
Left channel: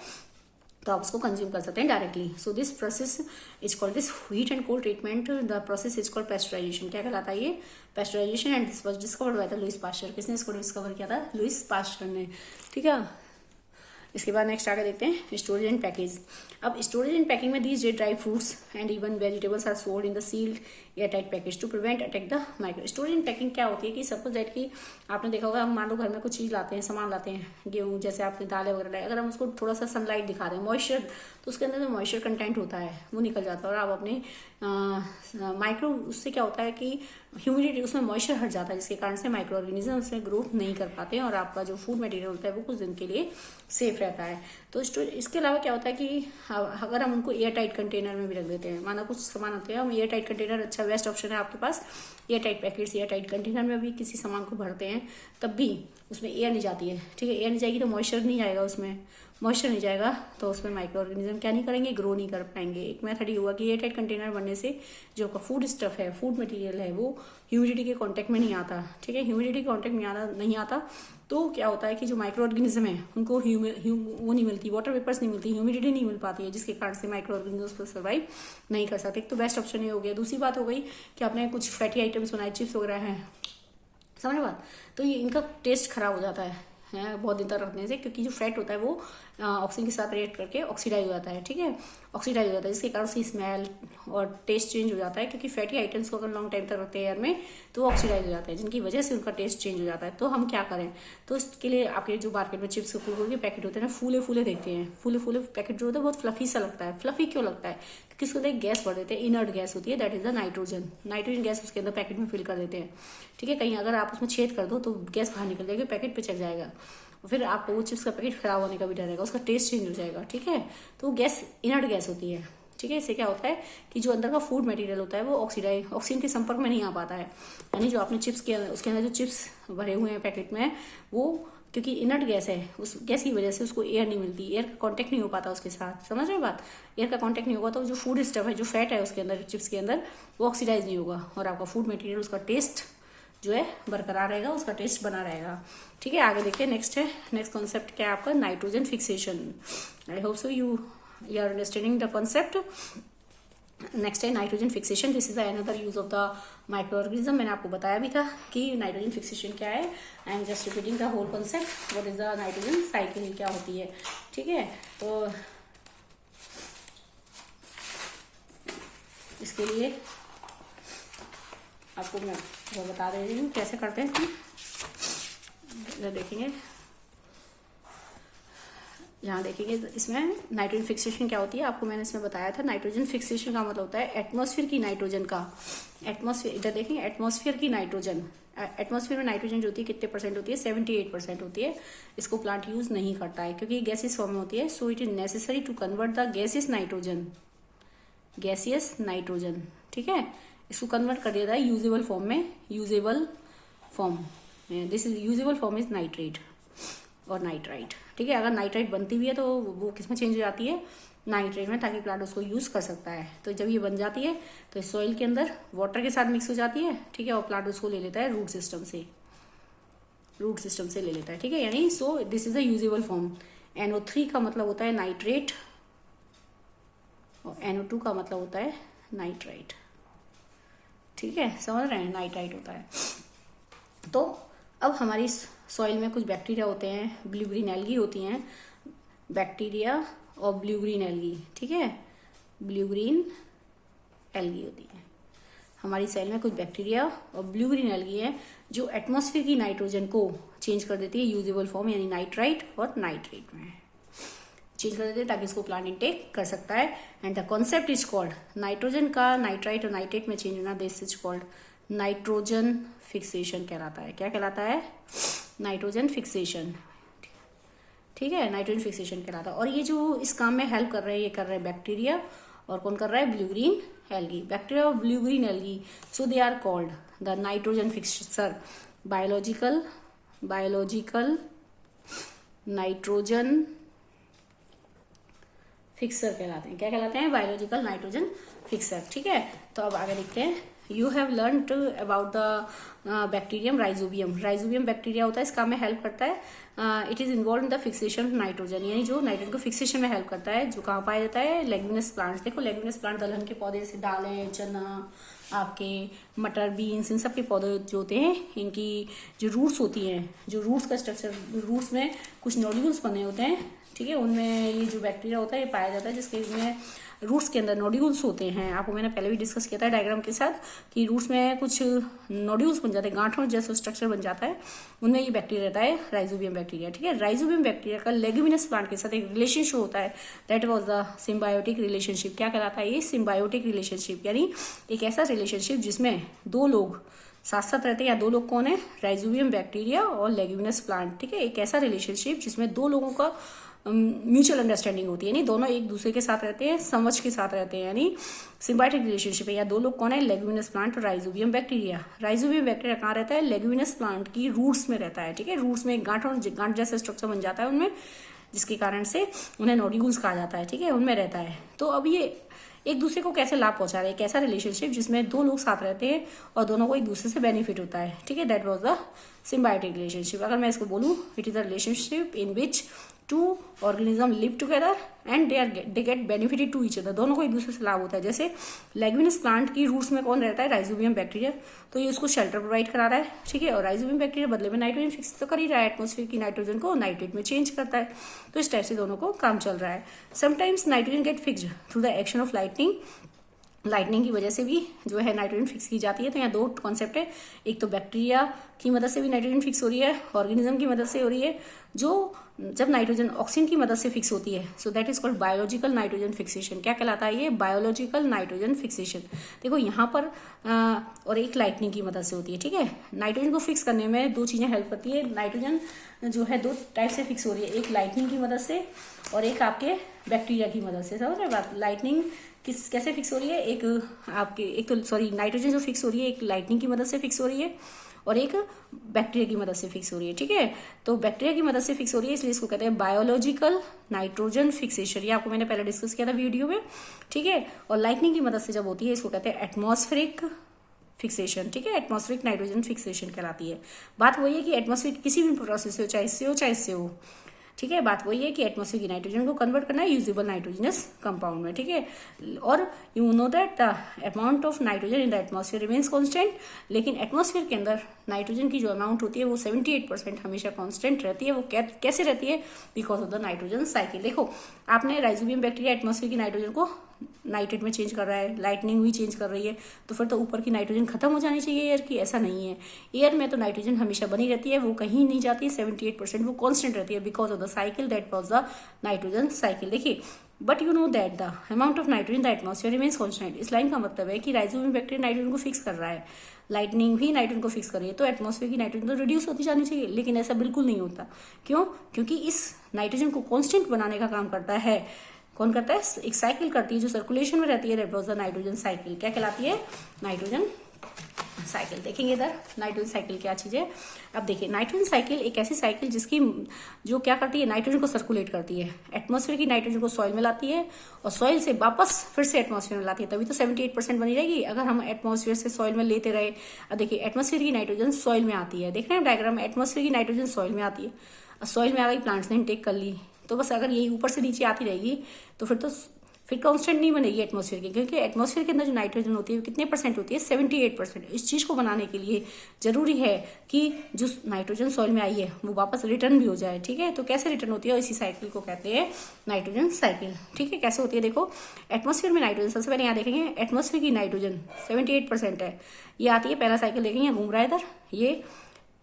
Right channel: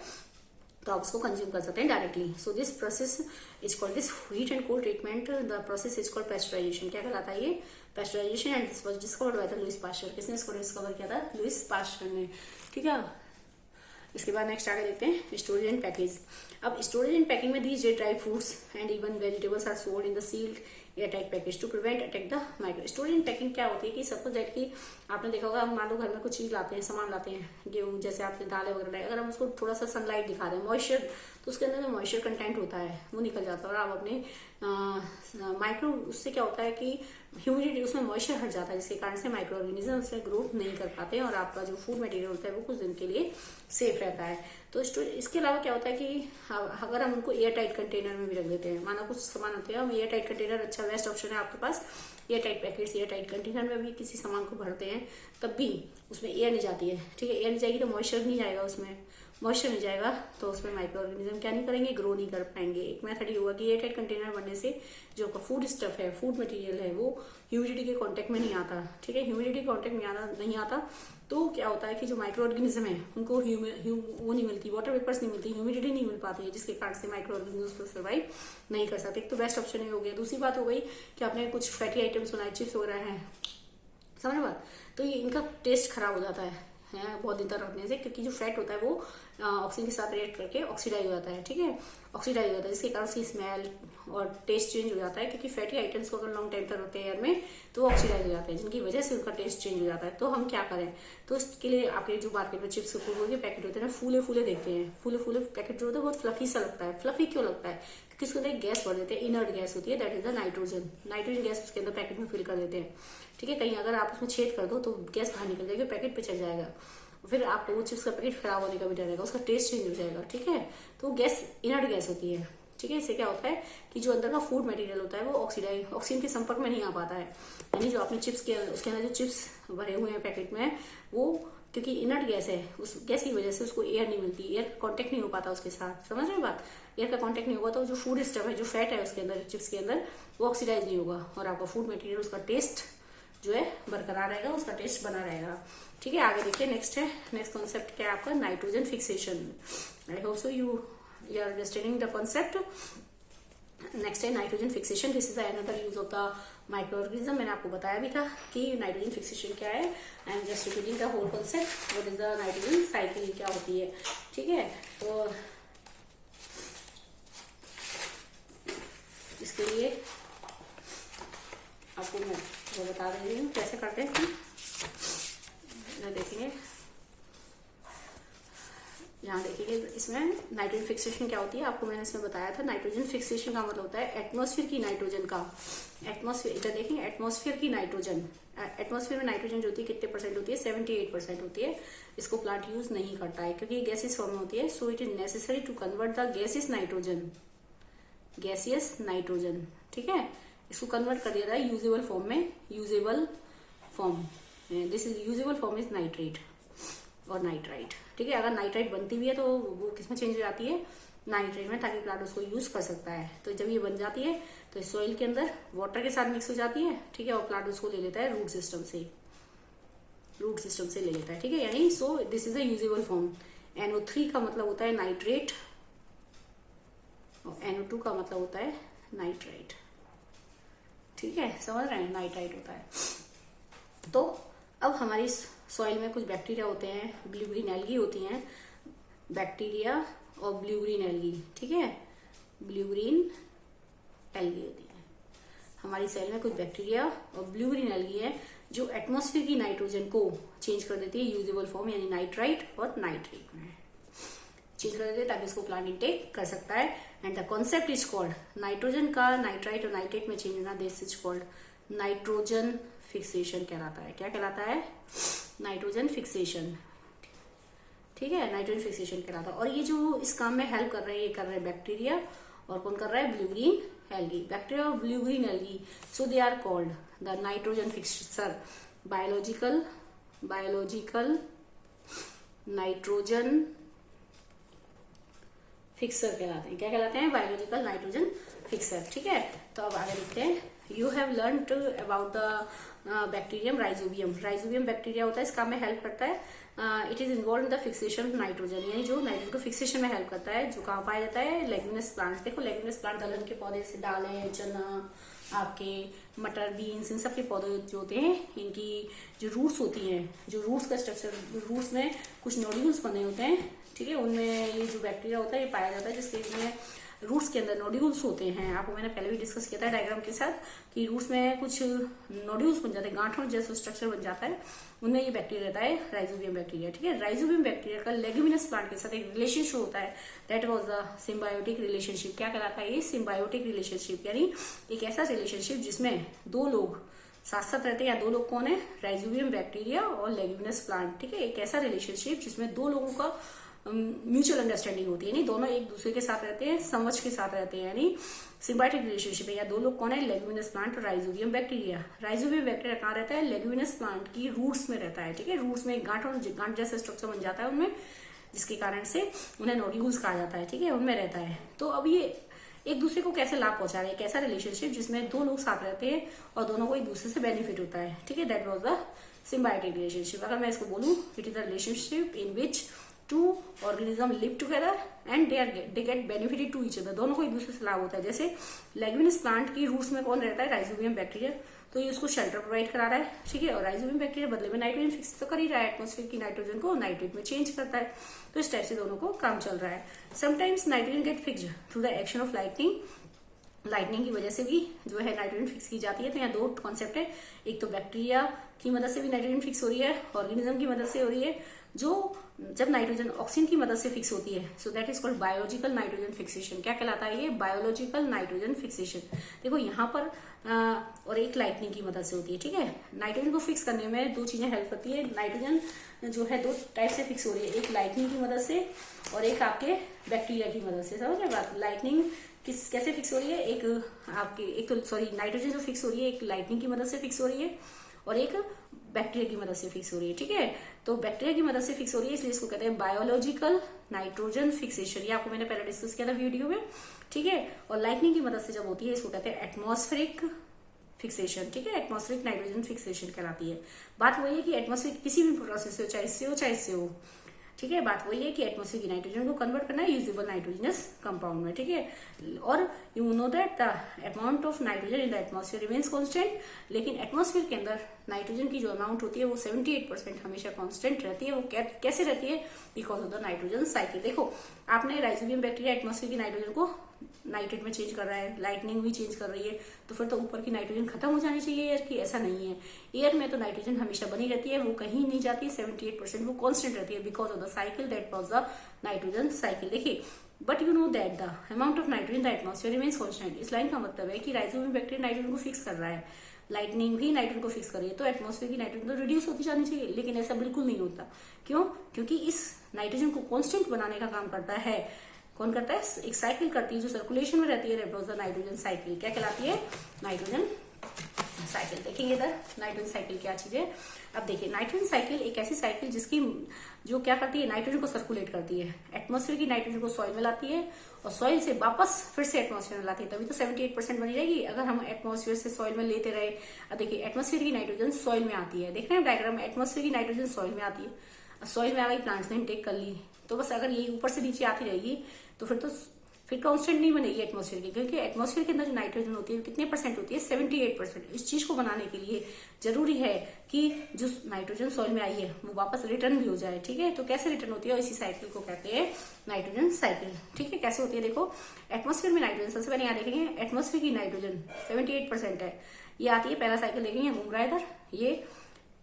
तो आप उसको कंज्यूम कर सकते हैं directly. So this process is called, this heat and cold treatment, the process is called pasteurization. क्या कहलाता है ये, pasteurization. And this was discovered by the Louis Pasteur. किसने इसको डिस्कवर किया था, लुइस पास्चर ने, ठीक है। इसके बाद नेक्स्ट आगे देखते हैं स्टोरेज एंड पैकेज। अब स्टोरेज एंड पैकिंग में these dry fruits and even vegetables are sold in the sealed air tight package to prevent attack the micro. Storage and packing क्या होती है कि सपोज दैट कि आपने देखा होगा, हम मान लो घर में कुछ चीज लाते हैं, सामान लाते हैं, गेहूं जैसे आपने दालें वगैरह लाए, अगर हम उसको थोड़ा सा सनलाइट दिखा रहे हैं, मॉइस्चर, तो उसके अंदर जो मॉइस्चर कंटेंट होता है वो निकल जाता है और आप अपने माइक्रो, उससे क्या होता है कि ह्यूमिडिटी, उसमें मॉइस्चर हट जाता है, जिसके कारण से माइक्रो ऑर्गेनिज्म उसमें ग्रोथ नहीं कर पाते और आपका जो फूड मटेरियल होता है वो कुछ दिन के लिए सेफ रहता है। तो इसके अलावा क्या होता है कि अगर हम उनको एयर टाइट कंटेनर में भी रख देते हैं, माना कुछ सामान होते हैं, हम एयर टाइट कंटेनर अच्छा बेस्ट ऑप्शन है आपके पास। Air tight packets, air tight container में भी किसी सामान को भरते हैं तब भी उसमें एयर नहीं जाती है, ठीक है। एयर नहीं जाएगी तो मॉइस्चर नहीं जाएगा, उसमें मॉइस्चर नहीं जाएगा तो उसमें माइक्रो ऑर्गेनिज्म क्या नहीं करेंगे, ग्रो नहीं कर पाएंगे। एक मेथड ये हुआ कि एयर टाइट कंटेनर बनने से जो आपका फूड स्टफ है, फूड मटेरियल है, वो ह्यूमिडिटी के कांटेक्ट में नहीं आता, ठीक है। ह्यूमिडिटी के कांटेक्ट में नहीं आता तो क्या होता है कि जो माइक्रो ऑर्गेनिज्म है उनको वो नहीं मिलती, वाटर वेपर्स नहीं मिलती, ह्यूमिडिटी नहीं मिल पाती है, जिसके कारण से माइक्रो ऑर्गेनिज्म सर्वाइव नहीं कर सकते। तो बेस्ट ऑप्शन ये हो गया। दूसरी बात हो गई कि आपने कुछ फैटी आइटम्स बनाए, चिप्स वगैरह हैं, समझ बात, तो ये इनका टेस्ट खराब हो जाता है बहुत दिन तक रखने से, क्योंकि जो फैट होता है वो ऑक्सीजन के साथ रिएक्ट करके ऑक्सीडाइज हो जाता है, ठीक है, ऑक्सीडाइज हो जाता है, जिसके कारण से स्मेल और टेस्ट चेंज हो जाता है। क्योंकि फैटी आइटम्स को अगर लॉन्ग टाइम तक रखते हैं एयर में तो वो ऑक्सीडाइज हो जाते हैं, जिनकी वजह से उनका टेस्ट चेंज हो जाता है। तो हम क्या करें, तो इसके लिए आपके जो मार्केट में चिप्स कुरकुरे के पैकेट होते हैं ना, फूले फूले देखते हैं, फूले फूले पैकेट जो होता है बहुत फ्लफी सा लगता है। फ्लफी क्यों लगता है, क्योंकि उसके अंदर एक गैस भर देते हैं, इनर्ट गैस होती है, that is the nitrogen. Nitrogen gas उसके अंदर पैकेट में फिल कर देते हैं, ठीक है। कहीं अगर आप उसमें छेद कर दो तो गैस बाहर निकल जाएगी, पैकेट पे चल जाएगा, फिर आपको वो चिप्स का पैकेट खराब होने का भी डर रहेगा, उसका टेस्ट चेंज हो जाएगा, ठीक है। तो गैस इनर्ट गैस होती है, ठीक है। इससे क्या होता है कि जो अंदर का फूड मटेरियल होता है वो ऑक्सीजन के संपर्क में नहीं आ पाता है, यानी जो आपने चिप्स के उसके अंदर जो चिप्स भरे हुए हैं पैकेट में, वो क्योंकि इनर्ट गैस है, उस गैस की वजह से उसको एयर नहीं मिलती, एयर का कॉन्टेक्ट नहीं हो पाता उसके साथ, समझ रहे बात। एयर का कॉन्टेक्ट नहीं होगा तो जो फूड स्टफ है, जो फैट है उसके अंदर, चिप्स के अंदर, वो ऑक्सीडाइज नहीं होगा और आपका फूड मटेरियल, उसका टेस्ट जो है बरकरार रहेगा, उसका टेस्ट बना रहेगा, ठीक है। आगे देखिए, नेक्स्ट कॉन्सेप्ट क्या है आपका, nitrogen fixation. I hope so you are understanding the concept. Next है nitrogen fixation. This is another use of the micro organism. मैंने आपको बताया भी था कि नाइट्रोजन फिक्सेशन क्या है। I am just repeating the whole concept. What is the nitrogen cycle क्या होती है, ठीक है। तो इसके लिए आपको मैं वो बता रही हूँ कैसे करते हैं। देखेंगे, यहाँ देखेंगे इसमें नाइट्रोजन फिक्सेशन क्या होती है, आपको मैंने इसमें बताया था। नाइट्रोजन फिक्सेशन का मतलब होता है एटमॉस्फेयर की नाइट्रोजन का, एटमॉस्फेयर, इधर देखेंगे, एटमॉस्फेयर की नाइट्रोजन, एटमॉस्फेयर में नाइट्रोजन जो होती है कितने परसेंट होती है, 78% होती है। इसको प्लांट यूज नहीं करता है क्योंकि गैसियस फॉर्म में होती है। So it is necessary to convert the gaseous nitrogen, ठीक है। इसको कन्वर्ट कर दिया जाए यूजेबल फॉर्म में, usable form, this is usable form is nitrate और नाइट्राइट, ठीक है। अगर नाइट्राइट बनती भी है तो वो किसमें चेंज हो जाती है, नाइट्रेट में, ताकि प्लांट उसको यूज कर सकता है। तो जब ये बन जाती है तो सॉइल के अंदर वाटर के साथ मिक्स हो जाती है, ठीक है, और प्लांट उसको ले लेता है रूट सिस्टम से ले लेता है, ठीक है। यानी so this is a usable form. NO3 का मतलब होता है नाइट्रेट और NO2 का मतलब होता है नाइट्राइट, ठीक है, समझ रहे हैं, नाइट्राइट होता है। तो अब हमारी सॉइल में कुछ बैक्टीरिया होते हैं, ब्लू ग्रीन एल्गी होती हैं, बैक्टीरिया और ब्लू ग्रीन एल्गी, ठीक है, ब्लू ग्रीन एल्गी होती है हमारी सॉइल में। कुछ बैक्टीरिया और ब्लू ग्रीन एल्गी है जो एटमॉस्फेयर की नाइट्रोजन को चेंज कर देती है यूजेबल फॉर्म, यानी नाइट्राइट और नाइट्रेट में चेंज कर देते हैं, ताकि इसको प्लांट इंटेक कर सकता है। And the concept is called, nitrogen का नाइट्राइट और नाइट्रेट में चेंज होना, this is called nitrogen fixation कहलाता है। क्या कहलाता है, नाइट्रोजन फिक्सेशन, ठीक है, नाइट्रोजन फिक्सेशन कहलाता है। और ये जो इस काम में हेल्प कर रहे हैं, ये कर रहे हैं बैक्टीरिया, और कौन कर रहा है, ब्लू ग्रीन एल्गी, बैक्टीरिया और blue green algae. So they are called the nitrogen fixer, biological nitrogen fixer कहलाते हैं। क्या कहलाते हैं, बायोलॉजिकल नाइट्रोजन फिक्सर, ठीक है। तो अब आगे लिखते हैं, you have learn about the bacterium rhizobium bacteria होता है, इस काम में हेल्प करता है। It is involve in the fixation nitrogen, यानी जो नाइट्रोजन को फिक्सेशन में हेल्प करता है, जो कहाँ पाया जाता है, लेग्यूमिनस प्लांट्स। देखो लेग्यूमिनस प्लांट दलहन के पौधे, जैसे दालें, चना, आपके मटर, बीन्स, इन सब के पौधे जो होते हैं, इनकी जो रूट्स होती हैं, जो रूट्स का स्ट्रक्चर, रूट्स में कुछ नोड्यूल्स बने होते हैं, ठीक है, उनमें ये जो बैक्टीरिया होता है ये पाया जाता है, जिसके में रूट्स के अंदर नोड्यूल्स होते हैं। आपको मैंने पहले भी डिस्कस किया था डायग्राम के साथ कि रूट्स में कुछ नोड्यूल्स बन जाते हैं, गांठों जैसा स्ट्रक्चर बन जाता है, उनमें ये बैक्टीरिया रहता है, राइजोबियम बैक्टीरिया, ठीक है। राइजोबियम बैक्टीरिया का लेग्यूमिनस प्लांट के साथ एक रिलेशनशिप होता है, that was the symbiotic relationship. क्या कहलाता है ये, सिम्बायोटिक रिलेशनशिप, यानी एक ऐसा रिलेशनशिप जिसमें दो लोग साथ साथ रहते हैं, या दो लोग कौन है, राइजोबियम बैक्टीरिया और लेग्यूमिनस प्लांट, ठीक है। एक ऐसा रिलेशनशिप जिसमें दो लोगों का म्यूचुअल अंडरस्टैंडिंग होती है, यानी दोनों एक दूसरे के साथ रहते हैं, समझ के साथ रहते हैं, यानी सिम्बायोटिक रिलेशनशिप है। या दो लोग कौन है, लेग्यूमिनस प्लांट और राइजोबियम बैक्टीरिया। राइजोबियम बैक्टीरिया कहाँ रहता है, लेग्यूमिनस प्लांट की रूट्स में रहता है, ठीक है। रूट्स में एक गांठ जैसा स्ट्रक्चर बन जाता है उनमें, जिसके कारण से उन्हें नोड्यूल्स कहा जाता है, ठीक है, उनमें रहता है। तो अब ये एक दूसरे को कैसे लाभ पहुंचा रहे हैं, कैसा रिलेशनशिप जिसमें दो लोग साथ रहते हैं और दोनों को एक दूसरे से बेनिफिट होता है, ठीक है, that was the symbiotic relationship. अगर मैं इसको बोलूं, it is a relationship in which two organism live together and they get benefited to each other, दोनों को एक दूसरे से लाभ होता है। जैसे लेग्यूमिनस प्लांट की रूट्स में कौन रहता है, राइजोबियम बैक्टीरिया, तो ये उसको शेल्टर प्रोवाइड करा रहा है, ठीक है, और राइजोबियम बैक्टीरिया बदले में नाइट्रोजन फिक्स तो कर ही रहा है, एटमॉस्फेयर की नाइट्रोजन को नाइट्रेट में चेंज करता है। तो इस टाइप से दोनों को काम चल रहा है। Sometimes nitrogen get fixed through the action of lightning की वजह से भी जो है नाइट्रोजन फिक्स की जाती है। तो यहाँ दो कॉन्सेप्ट है, एक तो बैक्टीरिया की मदद से भी नाइट्रोजन फिक्स हो रही है, ऑर्गेनिज्म की मदद से हो रही है, जो जब नाइट्रोजन ऑक्सीजन की मदद से फिक्स होती है, so that is called biological nitrogen fixation. क्या कहलाता है ये? Biological nitrogen fixation. देखो यहाँ पर और एक लाइटनिंग की मदद से होती है, ठीक है। नाइट्रोजन को फिक्स करने में दो चीजें हेल्प करती है। नाइट्रोजन जो है दो टाइप से फिक्स हो रही है, एक लाइटनिंग की मदद से और एक आपके बैक्टीरिया की मदद से। समझ रहे बात? लाइटनिंग कैसे फिक्स हो रही है? एक तो सॉरी नाइट्रोजन जो फिक्स हो रही है एक लाइटनिंग की मदद से फिक्स हो रही है और एक बैक्टीरिया की मदद से फिक्स हो रही है, ठीक है। तो बैक्टीरिया की मदद से फिक्स हो रही है इसलिए इसको कहते हैं बायोलॉजिकल नाइट्रोजन फिक्सेशन। ये आपको मैंने पहले डिस्कस किया था वीडियो में, ठीक है। और लाइटनिंग की मदद से जब होती है इसको कहते हैं एटमॉस्फेरिक फिक्सेशन, ठीक है। एटमॉस्फेरिक नाइट्रोजन फिक्सेशन कहलाती है। बात वही है कि एटमॉस्फेयर किसी भी प्रोसेस से हो, चाहे इससे हो चाहे इससे हो, ठीक है। बात वही है कि एटमॉस्फेयर की नाइट्रोजन को कन्वर्ट करना है यूजेबल नाइट्रोजनस कंपाउंड में, ठीक है। और you know that the amount of nitrogen in the atmosphere remains constant, लेकिन एटमॉस्फेयर के अंदर नाइट्रोजन की जो अमाउंट होती है वो 78% हमेशा कांस्टेंट रहती है। वो कैसे रहती है? Because of the nitrogen cycle. देखो आपने राइजोबियम बैक्टीरिया एटमॉस्फेयर की नाइट्रोजन को नाइट्रेट में चेंज कर रहा है, लाइटनिंग भी चेंज कर रही है, तो फिर तो ऊपर की नाइट्रोजन खत्म हो जानी चाहिए एयर की। ऐसा नहीं है, एयर में तो नाइट्रोजन हमेशा बनी रहती है, वो कहीं नहीं जाती। 78% वो कांस्टेंट रहती है because of the cycle that was the nitrogen cycle. देखिए but you know that the amount of nitrogen the atmosphere remains constant. इस लाइन का मतलब है कि राइजोबियम बैक्टीरिया नाइट्रोजन को फिक्स कर रहा है, लाइटनिंग भी नाइट्रोजन को फिक्स कर रही है, तो एटमॉस्फेयर की नाइट्रोजन तो रिड्यूस होती जानी चाहिए, लेकिन ऐसा बिल्कुल नहीं होता। क्यों? क्योंकि इस नाइट्रोजन को कांस्टेंट बनाने का काम करता है कौन? करता है एक साइकिल करती है जो सर्कुलेशन में रहती है, that was the nitrogen cycle. क्या कहलाती है? Nitrogen cycle. देखेंगे इधर नाइट्रोजन साइकिल क्या चीज है। अब देखिए नाइट्रोजन साइकिल एक ऐसी साइकिल जिसकी जो क्या करती है? नाइट्रोजन को सर्कुलेट करती है, एटमॉस्फेयर की नाइट्रोजन को सॉइल में लाती है और सॉइल से वापस फिर से एटमॉस्फेयर में लाती है, तभी तो 78% बनी रहेगी। अगर हम एटमॉस्फेयर से सॉइल में लेते रहे, अब देखिए एटमॉस्फेयर की नाइट्रोजन सॉइल में आती है, देख रहे हैं डायग्राम में, एटमॉस्फेयर की नाइट्रोजन सॉइल में आती है, सॉइल में आ गई, प्लांट्स ने इनटेक कर ली, तो बस अगर ये ऊपर से नीचे आती रहेगी तो फिर कांस्टेंट नहीं बनेगी एटमॉस्फेयर की, क्योंकि एटमॉस्फेयर के अंदर जो नाइट्रोजन होती है कितने परसेंट होती है? 78%। इस चीज को बनाने के लिए जरूरी है कि जो नाइट्रोजन सॉइल में आई है वो वापस रिटर्न भी हो जाए, ठीक है। तो कैसे रिटर्न होती है? इसी साइकिल को कहते हैं नाइट्रोजन साइकिल, ठीक है। कैसे होती है? देखो एटमॉस्फेयर में नाइट्रोजन, सबसे पहले यहाँ देखेंगे एटमॉस्फेयर की नाइट्रोजन 78% है, ये आती है, पहला साइकिल देखेंगे घूम रहा है इधर, ये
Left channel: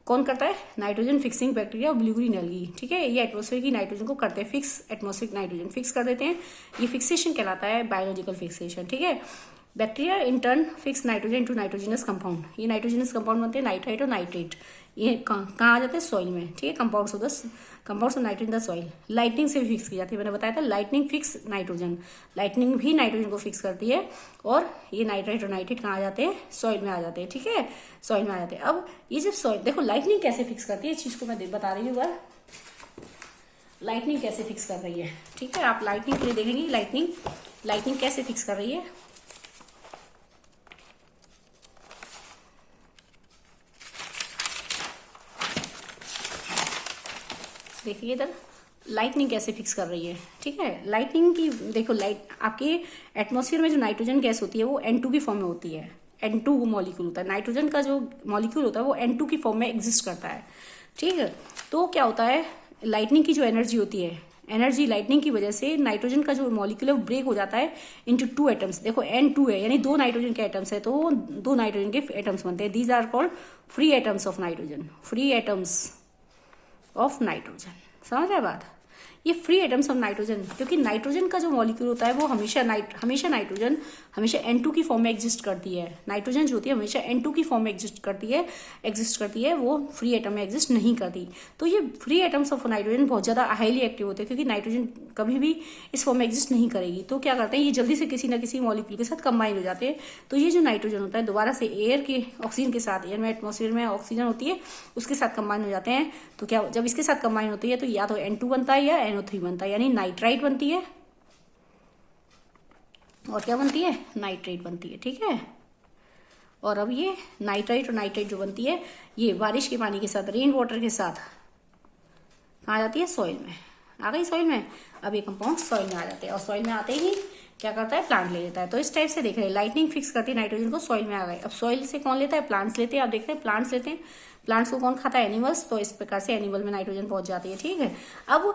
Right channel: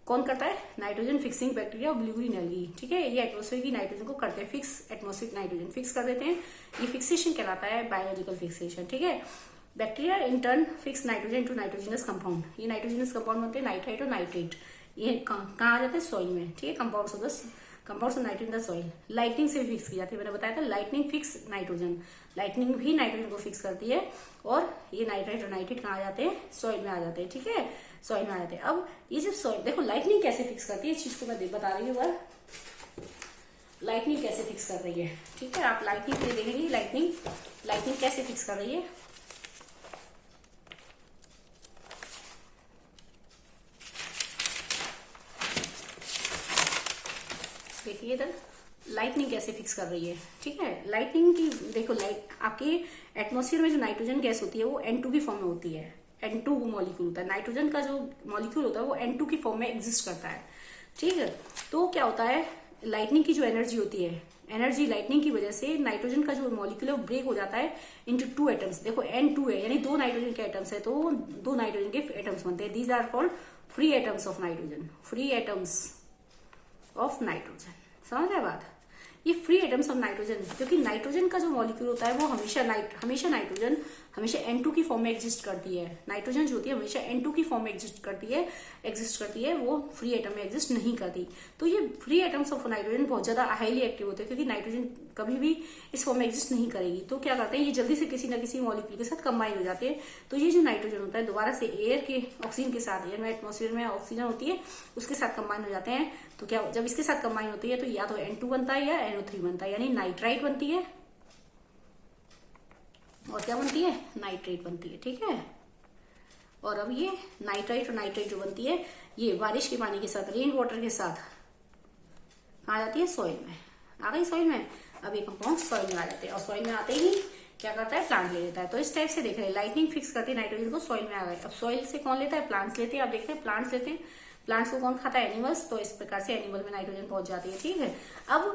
कौन करता है? नाइट्रोजन फिक्सिंग बैक्टीरिया और ब्लू ग्रीन एल्गी, ठीक है। ये एटमॉस्फेयर की नाइट्रोजन को करते हैं फिक्स, एटमॉस्फेरिक नाइट्रोजन फिक्स कर देते हैं, ये फिक्सेशन कहलाता है बायोलॉजिकल फिक्सेशन, ठीक है। Bacteria in turn fix nitrogen into nitrogenous compound, ये नाइट्रोजनस कंपाउंड बनते हैं नाइट्राइट और नाइट्रेट, ये कहाँ आ जाते हैं? सॉइल में, ठीक है। Compounds of nitrogen the soil. Lightning से भी फिक्स की जाती है, मैंने बताया था लाइटनिंग फिक्स नाइट्रोजन, लाइटनिंग भी नाइट्रोजन को फिक्स करती है और ये नाइट्राइट और नाइट्रेट कहाँ आ जाते हैं? सॉइल में आ जाते हैं, ठीक है, सॉइल में आ जाते हैं। अब ये जब सॉइल, देखो लाइटनिंग कैसे फिक्स करती है, इस चीज को मैं बता रही हूँ बार, लाइटनिंग कैसे फिक्स कर रही है, ठीक है। आप लाइटनिंग के लिए देखेंगे लाइटनिंग कैसे फिक्स कर रही है। देखिए इधर लाइटनिंग कैसे फिक्स कर रही है, ठीक है। लाइटनिंग की देखो, लाइट आपके एटमॉस्फेयर में जो नाइट्रोजन गैस होती है वो N2 की फॉर्म में होती है, N2 मॉलिक्यूल होता है, नाइट्रोजन का जो मॉलिक्यूल होता है वो N2 की फॉर्म में एग्जिस्ट करता है, ठीक है। तो क्या होता है? लाइटनिंग की जो एनर्जी होती है, एनर्जी लाइटनिंग की वजह से नाइट्रोजन का जो मॉलिक्यूल है वो ब्रेक हो जाता है इनटू 2 एटम्स। देखो N2 है यानी 2 नाइट्रोजन के एटम्स है, तो 2 नाइट्रोजन के एटम्स बनते हैं, these are called free atoms of nitrogen, free atoms of nitrogen. समझ रहे बात? ये फ्री एटम्स ऑफ नाइट्रोजन, क्योंकि नाइट्रोजन का जो मॉलिक्यूल होता है वो हमेशा नाइट्रोजन हमेशा N2 की फॉर्म में एग्जिस्ट करती है, नाइट्रोजन जो होती है हमेशा N2 की फॉर्म में एग्जिस्ट करती है, वो फ्री एटम में एग्जिस्ट नहीं करती। तो ये फ्री एटम्स ऑफ नाइट्रोजन बहुत ज्यादा हाईली एक्टिव होते हैं, क्योंकि नाइट्रोजन कभी भी इस फॉर्म में एग्जिस्ट नहीं करेगी, तो क्या करते हैं ये जल्दी से किसी ना किसी मॉलिक्यूल के साथ कंबाइन हो जाते हैं। तो ये जो नाइट्रोजन होता है दोबारा से एयर के ऑक्सीजन के साथ, एयर में एटमॉस्फेयर में ऑक्सीजन होती है उसके साथ कंबाइन हो जाते हैं। तो क्या जब इसके साथ कंबाइन होती है तो या तो N2 बनता है या NO3 बनता है, यानी नाइट्राइट बनती है और क्या बनती है? नाइट्रेट बनती है, ठीक है। और अब ये नाइट्राइट और नाइट्रेट जो बनती है ये बारिश के पानी के साथ, रेन वाटर के साथ आ जाती है सॉइल में, आ गई सॉइल में। अब ये कंपाउंड सॉइल में आ जाते हैं और सॉइल में आते ही क्या करता है? प्लांट ले लेता है। तो इस टाइप से देख रहे हैं लाइटनिंग फिक्स करती है नाइट्रोजन को, सॉइल में आ गए। अब सॉइल से कौन लेता है? प्लांट्स लेते हैं। अब देखते हैं प्लांट्स लेते हैं, प्लांट्स को कौन खाता है? एनिमल्स। तो इस प्रकार से एनिमल में नाइट्रोजन पहुंच जाती है, ठीक है। अब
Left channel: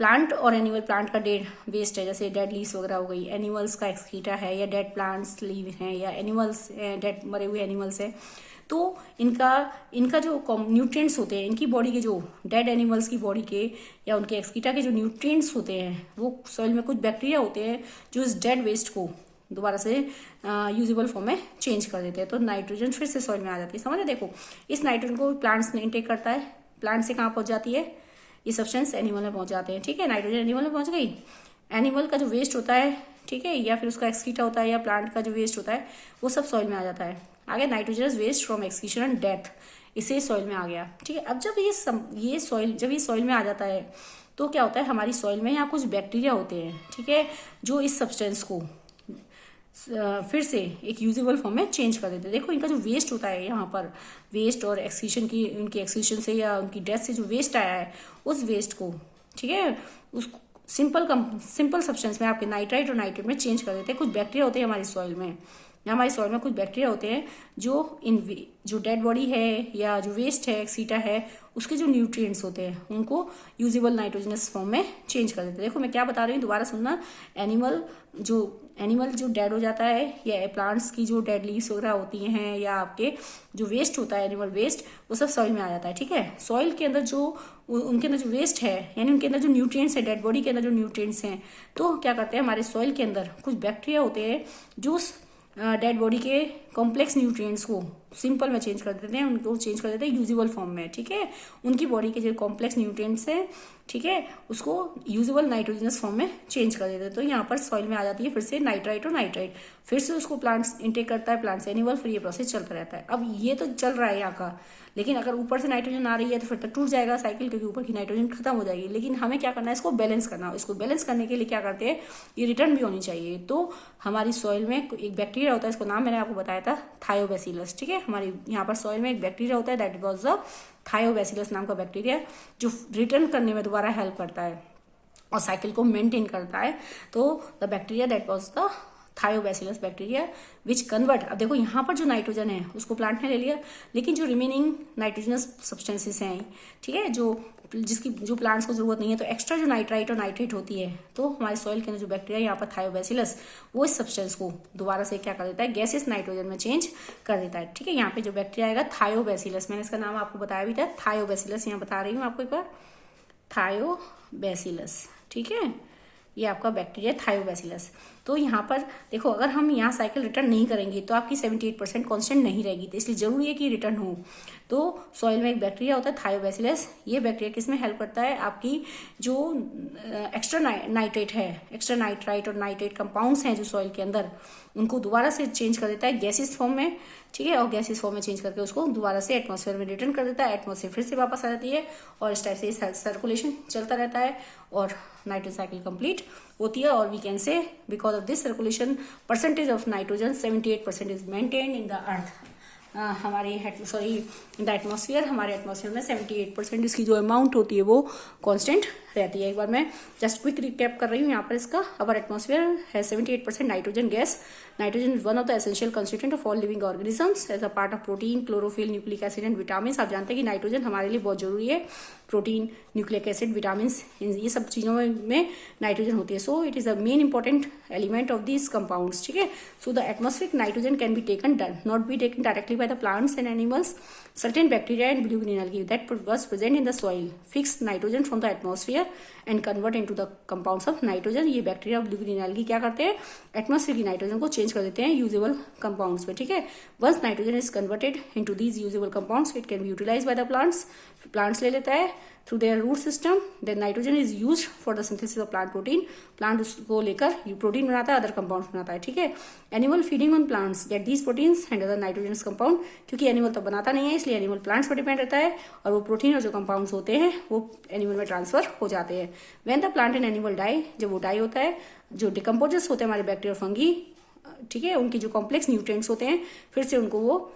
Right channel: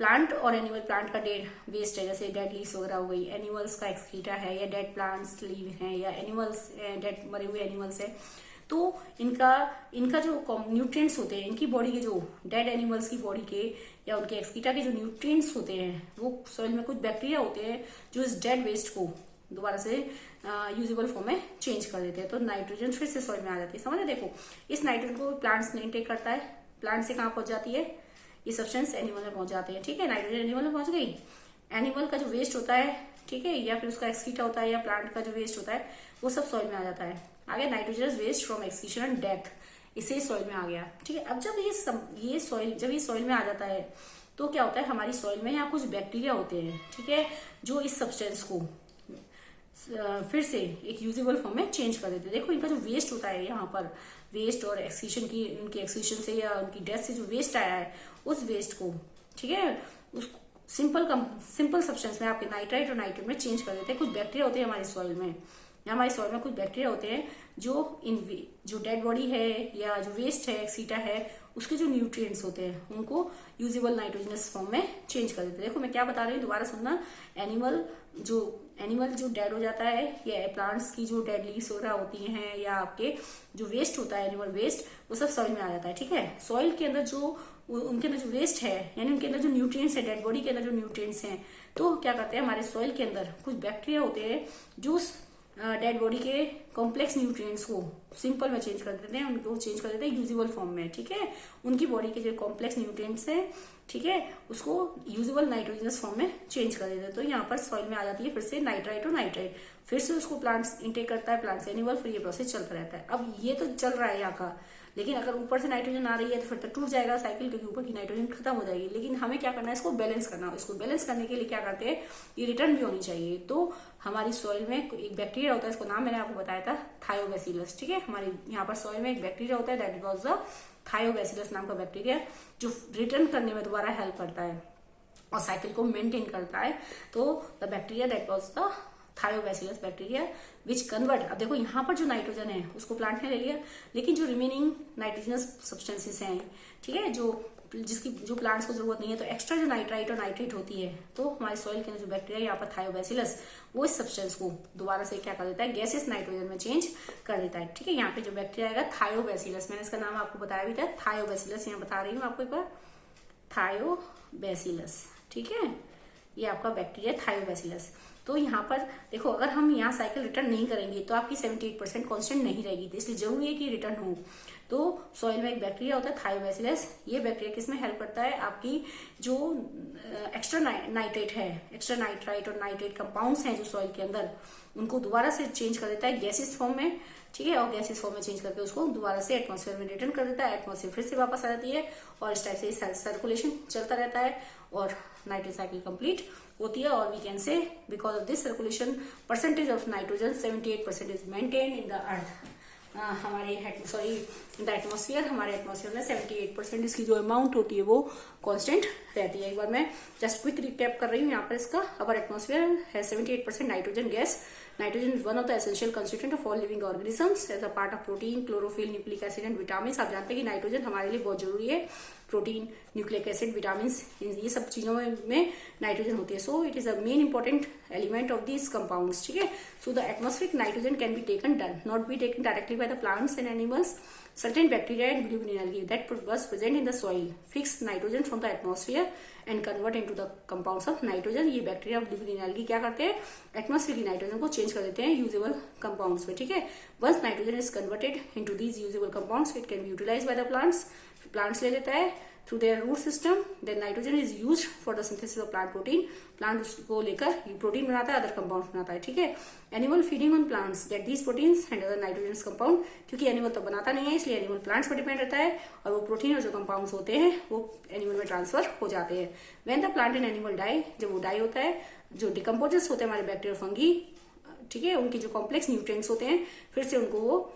प्लांट और एनिमल, प्लांट का डेड वेस्ट है जैसे डेड लीव्स वगैरह हो गई, एनिमल्स का एक्सक्रीटा है या डेड प्लांट्स लीव है या एनिमल्स डेड मरे हुए एनिमल्स है, तो इनका इनका जो न्यूट्रिएंट्स होते हैं, इनकी बॉडी के जो डेड एनिमल्स की बॉडी के या उनके एक्सक्रीटा के जो न्यूट्रिएंट्स होते हैं, वो सॉइल में कुछ बैक्टीरिया होते हैं जो इस डेड वेस्ट को दोबारा से यूजेबल फॉर्म में चेंज कर देते हैं। तो नाइट्रोजन फिर से सॉइल में आ जाती है। समझ, देखो इस नाइट्रोजन को प्लांट्स ने इनटेक करता है, प्लांट से कहाँ पहुंच जाती है, ये सब्सटेंस एनिमल में पहुंच जाते हैं। ठीक है, नाइट्रोजन एनिमल में पहुंच गई। एनिमल का जो वेस्ट होता है, ठीक है, या फिर उसका एक्सक्रीटा होता है या प्लांट का जो वेस्ट होता है, वो सब सॉइल में आ जाता है। आगे nitrogen waste from excretion and death, इसे सॉइल में आ गया। ठीक है, अब जब ये सॉइल में आ जाता है तो क्या होता है, हमारी सॉइल में यहाँ कुछ बैक्टीरिया होते हैं, ठीक है, जो इस सब्सटेंस को फिर से एक यूजेबल फॉर्म में चेंज कर देते हैं। देखो इनका जो वेस्ट होता है यहाँ पर, वेस्ट और एक्सक्रीशन की, उनकी एक्सक्रीशन से या उनकी डेथ से जो वेस्ट आया है, उस वेस्ट को, ठीक है, उस सिंपल सब्सटेंस में आपके नाइट्राइट और नाइट्रेट में चेंज कर देते हैं। कुछ बैक्टीरिया होते हैं हमारी सॉइल में, हमारी सॉइल में कुछ बैक्टीरिया होते हैं जो जो डेड बॉडी है या जो वेस्ट है, एक्सीटा है, उसके जो न्यूट्रिएंट्स होते हैं उनको यूजेबल नाइट्रोजनस फॉर्म में चेंज कर देते हैं। देखो मैं क्या बता रही हूँ, दोबारा सुनना। एनिमल जो डेड हो जाता है या प्लांट्स की जो डेड लीव्स वगैरह होती हैं या आपके जो वेस्ट होता है, एनिमल वेस्ट, वो सब सॉइल में आ जाता है। ठीक है, सॉइल के अंदर जो उनके अंदर जो वेस्ट है, यानी उनके अंदर जो न्यूट्रिएंट्स है, डेड बॉडी के अंदर जो न्यूट्रिएंट्स हैं, तो क्या करते हैं, हमारे सॉइल के अंदर कुछ बैक्टीरिया होते हैं जो डेड बॉडी के कॉम्प्लेक्स न्यूट्रिएंट्स को सिंपल में चेंज कर देते हैं, उनको चेंज कर देते हैं यूजेबल फॉर्म में। ठीक है, उनकी बॉडी के जो कॉम्प्लेक्स न्यूट्रिएंट्स हैं, ठीक है, उसको यूजेबल नाइट्रोजनस फॉर्म में चेंज कर देते हैं। तो यहाँ पर सॉइल में आ जाती है फिर से नाइट्राइट और नाइट्राइट, फिर से उसको प्लांट्स इंटेक करता है, प्लांट्स एनिमल, फिर ये प्रोसेस चलता रहता है। अब ये तो चल रहा है यहाँ का, लेकिन अगर ऊपर से नाइट्रोजन आ रही है तो फिर तो टूट जाएगा साइकिल, क्योंकि ऊपर की नाइट्रोजन खत्म हो जाएगी। लेकिन हमें क्या करना है, इसको बैलेंस करना। इसको बैलेंस करने के लिए क्या करते हैं, ये रिटर्न भी होनी चाहिए। तो हमारी सॉइल में एक बैक्टीरिया होता है, इसको नाम मैंने आपको बताया था, थायोबैसिलस। ठीक है, हमारे यहाँ पर सॉइल में एक बैक्टीरिया होता है, दैट वाज द थायोबैसिलस नाम का बैक्टीरिया, जो रिटर्न करने में दोबारा हेल्प करता है और साइकिल को मेंटेन करता है। तो the bacteria that was the Thiobacillus bacteria which convert. अब देखो यहाँ पर जो नाइट्रोजन है उसको प्लांट ने ले लिया, लेकिन जो रिमेनिंग नाइट्रोजनस सब्सटेंसेस हैं, ठीक है, जो प्लांट्स को जरूरत नहीं है, तो एक्स्ट्रा जो नाइट्राइट और नाइट्रेट होती है, तो हमारे सॉइल के अंदर जो बैक्टीरिया यहाँ पर थायोबैसिलस, वो इस सब्सटेंस को दोबारा से क्या कर देता है, गैसेस नाइट्रोजन में चेंज कर देता है। ठीक है, यहाँ पे जो बैक्टीरिया आएगा थायोबैसिलस, मैंने इसका नाम आपको बताया भी था, थायोबैसिलस, यहाँ बता रही हूँ आपको एक बार, थायोबैसिलस। ठीक है, ये आपका बैक्टीरिया थायोबैसिलस। तो यहाँ पर देखो, अगर हम यहाँ साइकिल रिटर्न नहीं करेंगे तो आपकी 78% कांस्टेंट नहीं रहेगी, तो इसलिए जरूरी है कि रिटर्न हो। तो सॉइल में एक बैक्टीरिया होता है थायोबैसिलस, ये बैक्टीरिया किसमें हेल्प करता है, आपकी जो एक्स्ट्रा नाइट्रेट है, एक्स्ट्रा नाइट्राइट और नाइट्रेट कंपाउंड्स हैं जो सॉइल के अंदर, उनको दोबारा से चेंज कर देता है गैसेस फॉर्म में। ठीक है, और गैसेस फॉर्म में चेंज करके उसको दोबारा से एटमॉस्फेयर में रिटर्न कर देता है, एटमॉस्फेयर फिर से वापस आ जाती है, और इस टाइप से सर्कुलेशन चलता रहता है और नाइट्रोजन साइकिल कंप्लीट होती है। और we can say because of this circulation percentage of nitrogen 78% is maintain in the earth, हमारे द एटमॉस्फेयर, हमारे एटमॉस्फेयर में 78% इसकी जो अमाउंट होती है वो कांस्टेंट रहती है। एक बार मैं जस्ट क्विक रिकैप कर रही हूँ यहाँ पर इसका। अवर एटमॉस्फेयर है 78% nitrogen gas. Nitrogen is one of the essential constituent of all living organisms as a part of protein, chlorophyll, nucleic acid and vitamin. आप जानते हैं कि नाइट्रोजन हमारे लिए बहुत जरूरी है, प्रोटीन, न्यूक्लिक एसिड, विटामिन, ये सब चीजों में नाइट्रोजन होती है। So it is a main important element of these compounds. ठीक है, so the atmospheric nitrogen can be taken, not be taken directly by the plants and animals. Certain bacteria and blue green algae that was present in the soil fix nitrogen from the atmosphere and convert into the compounds of nitrogen. ये bacteria blue green algae क्या करते हैं, atmosphere की nitrogen को change कर देते हैं usable compounds में। ठीक है, once nitrogen is converted into these usable compounds, it can be utilized by the plants. Plants ले लेता है through their root system. Then nitrogen is used for the synthesis of plant protein. Plant उसको लेकर protein बनाता है, other compounds बनाता है। ठीक है, animal feeding on plants get these proteins and other nitrogenous compound. क्योंकि एनिमल तो बनाता नहीं है, इसलिए एनिमल प्लांट्स पर डिपेंड रहता है, और वो प्रोटीन और जो कंपाउंड्स होते हैं वो एनिमल में ट्रांसफर हो जाते हैं। When the plant and animal die, जब वो डाई होता है, जो डिकम्पोजर्स होते हैं हमारे बैक्टीरिया फंगी, ठीक है, उनकी जो कॉम्प्लेक्स न्यूट्रिएंट्स होते हैं, फिर से उनको वो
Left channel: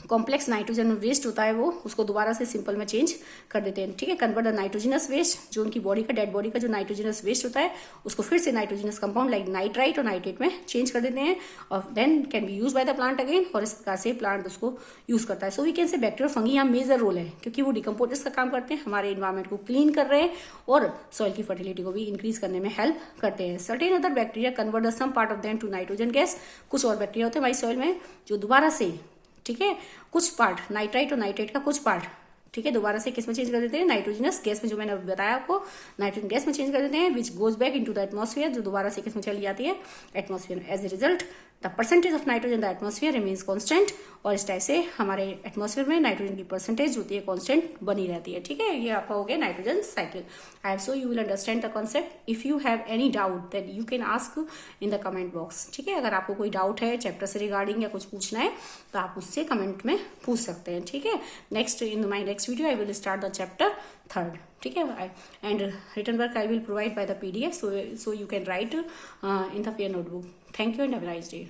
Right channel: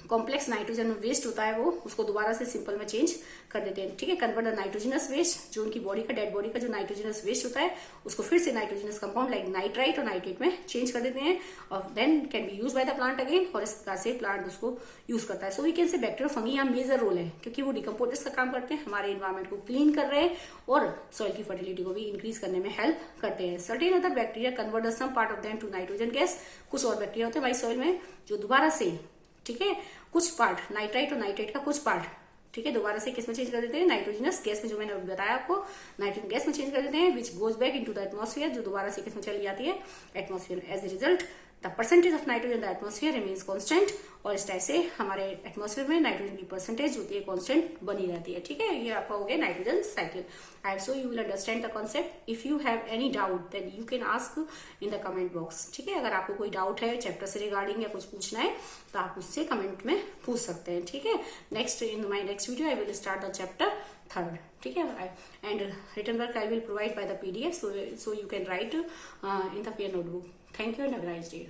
कॉम्प्लेक्स नाइट्रोजन वेस्ट होता है, वो उसको दोबारा से सिंपल में चेंज कर देते हैं। ठीक है, कन्वर्ट द नाइट्रोजनस वेस्ट, जो उनकी बॉडी का, डेड बॉडी का जो नाइट्रोजनस वेस्ट होता है, उसको फिर से नाइट्रोजनस कंपाउंड लाइक नाइट्राइट और नाइट्रेट में चेंज कर देते हैं, और then can be use by the plant again, और इस प्रकार से प्लांट उसको यूज करता है। So we can say bacteria fungi यहाँ मेजर रोल है, क्योंकि वो डिकम्पोजर्स का काम करते हैं, हमारे इन्वायरमेंट को क्लीन कर रहे हैं और सॉइल की फर्टिलिटी को भी इंक्रीज करने में हेल्प करते हैं। Certain other bacteria convert the some part of them to nitrogen gas. कुछ और बैक्टीरिया होते हैं हमारी सॉइल में जो दोबारा से, ठीक है, कुछ पार्ट नाइट्राइट और नाइट्रेट का कुछ पार्ट, ठीक है, दोबारा से किस में चेंज कर देते हैं, नाइट्रोजनस गैस में, जो मैंने बताया आपको, नाइट्रोजन गैस में चेंज कर देते हैं, which goes back into the atmosphere, जो दोबारा से किस में चली जाती है, atmosphere. As a result the percentage of nitrogen in the atmosphere remains constant, और इस टाइप से हमारे एटमॉस्फेयर में नाइट्रोजन की परसेंटेज होती है कांस्टेंट बनी रहती है, ठीक है। ये आपका हो गया nitrogen cycle. I am so you will understand the concept. If you have any doubt then you can ask in the comment box, ठीक है। अगर आपको कोई डाउट है चैप्टर से रिगार्डिंग या कुछ पूछना है तो आप उससे कमेंट में पूछ सकते हैं, ठीक है। Next in my next video I will start the chapter 3rd, ठीक है, and written work I will provide by the PDF, so you can write in the peer notebook. Thank you and have a nice day.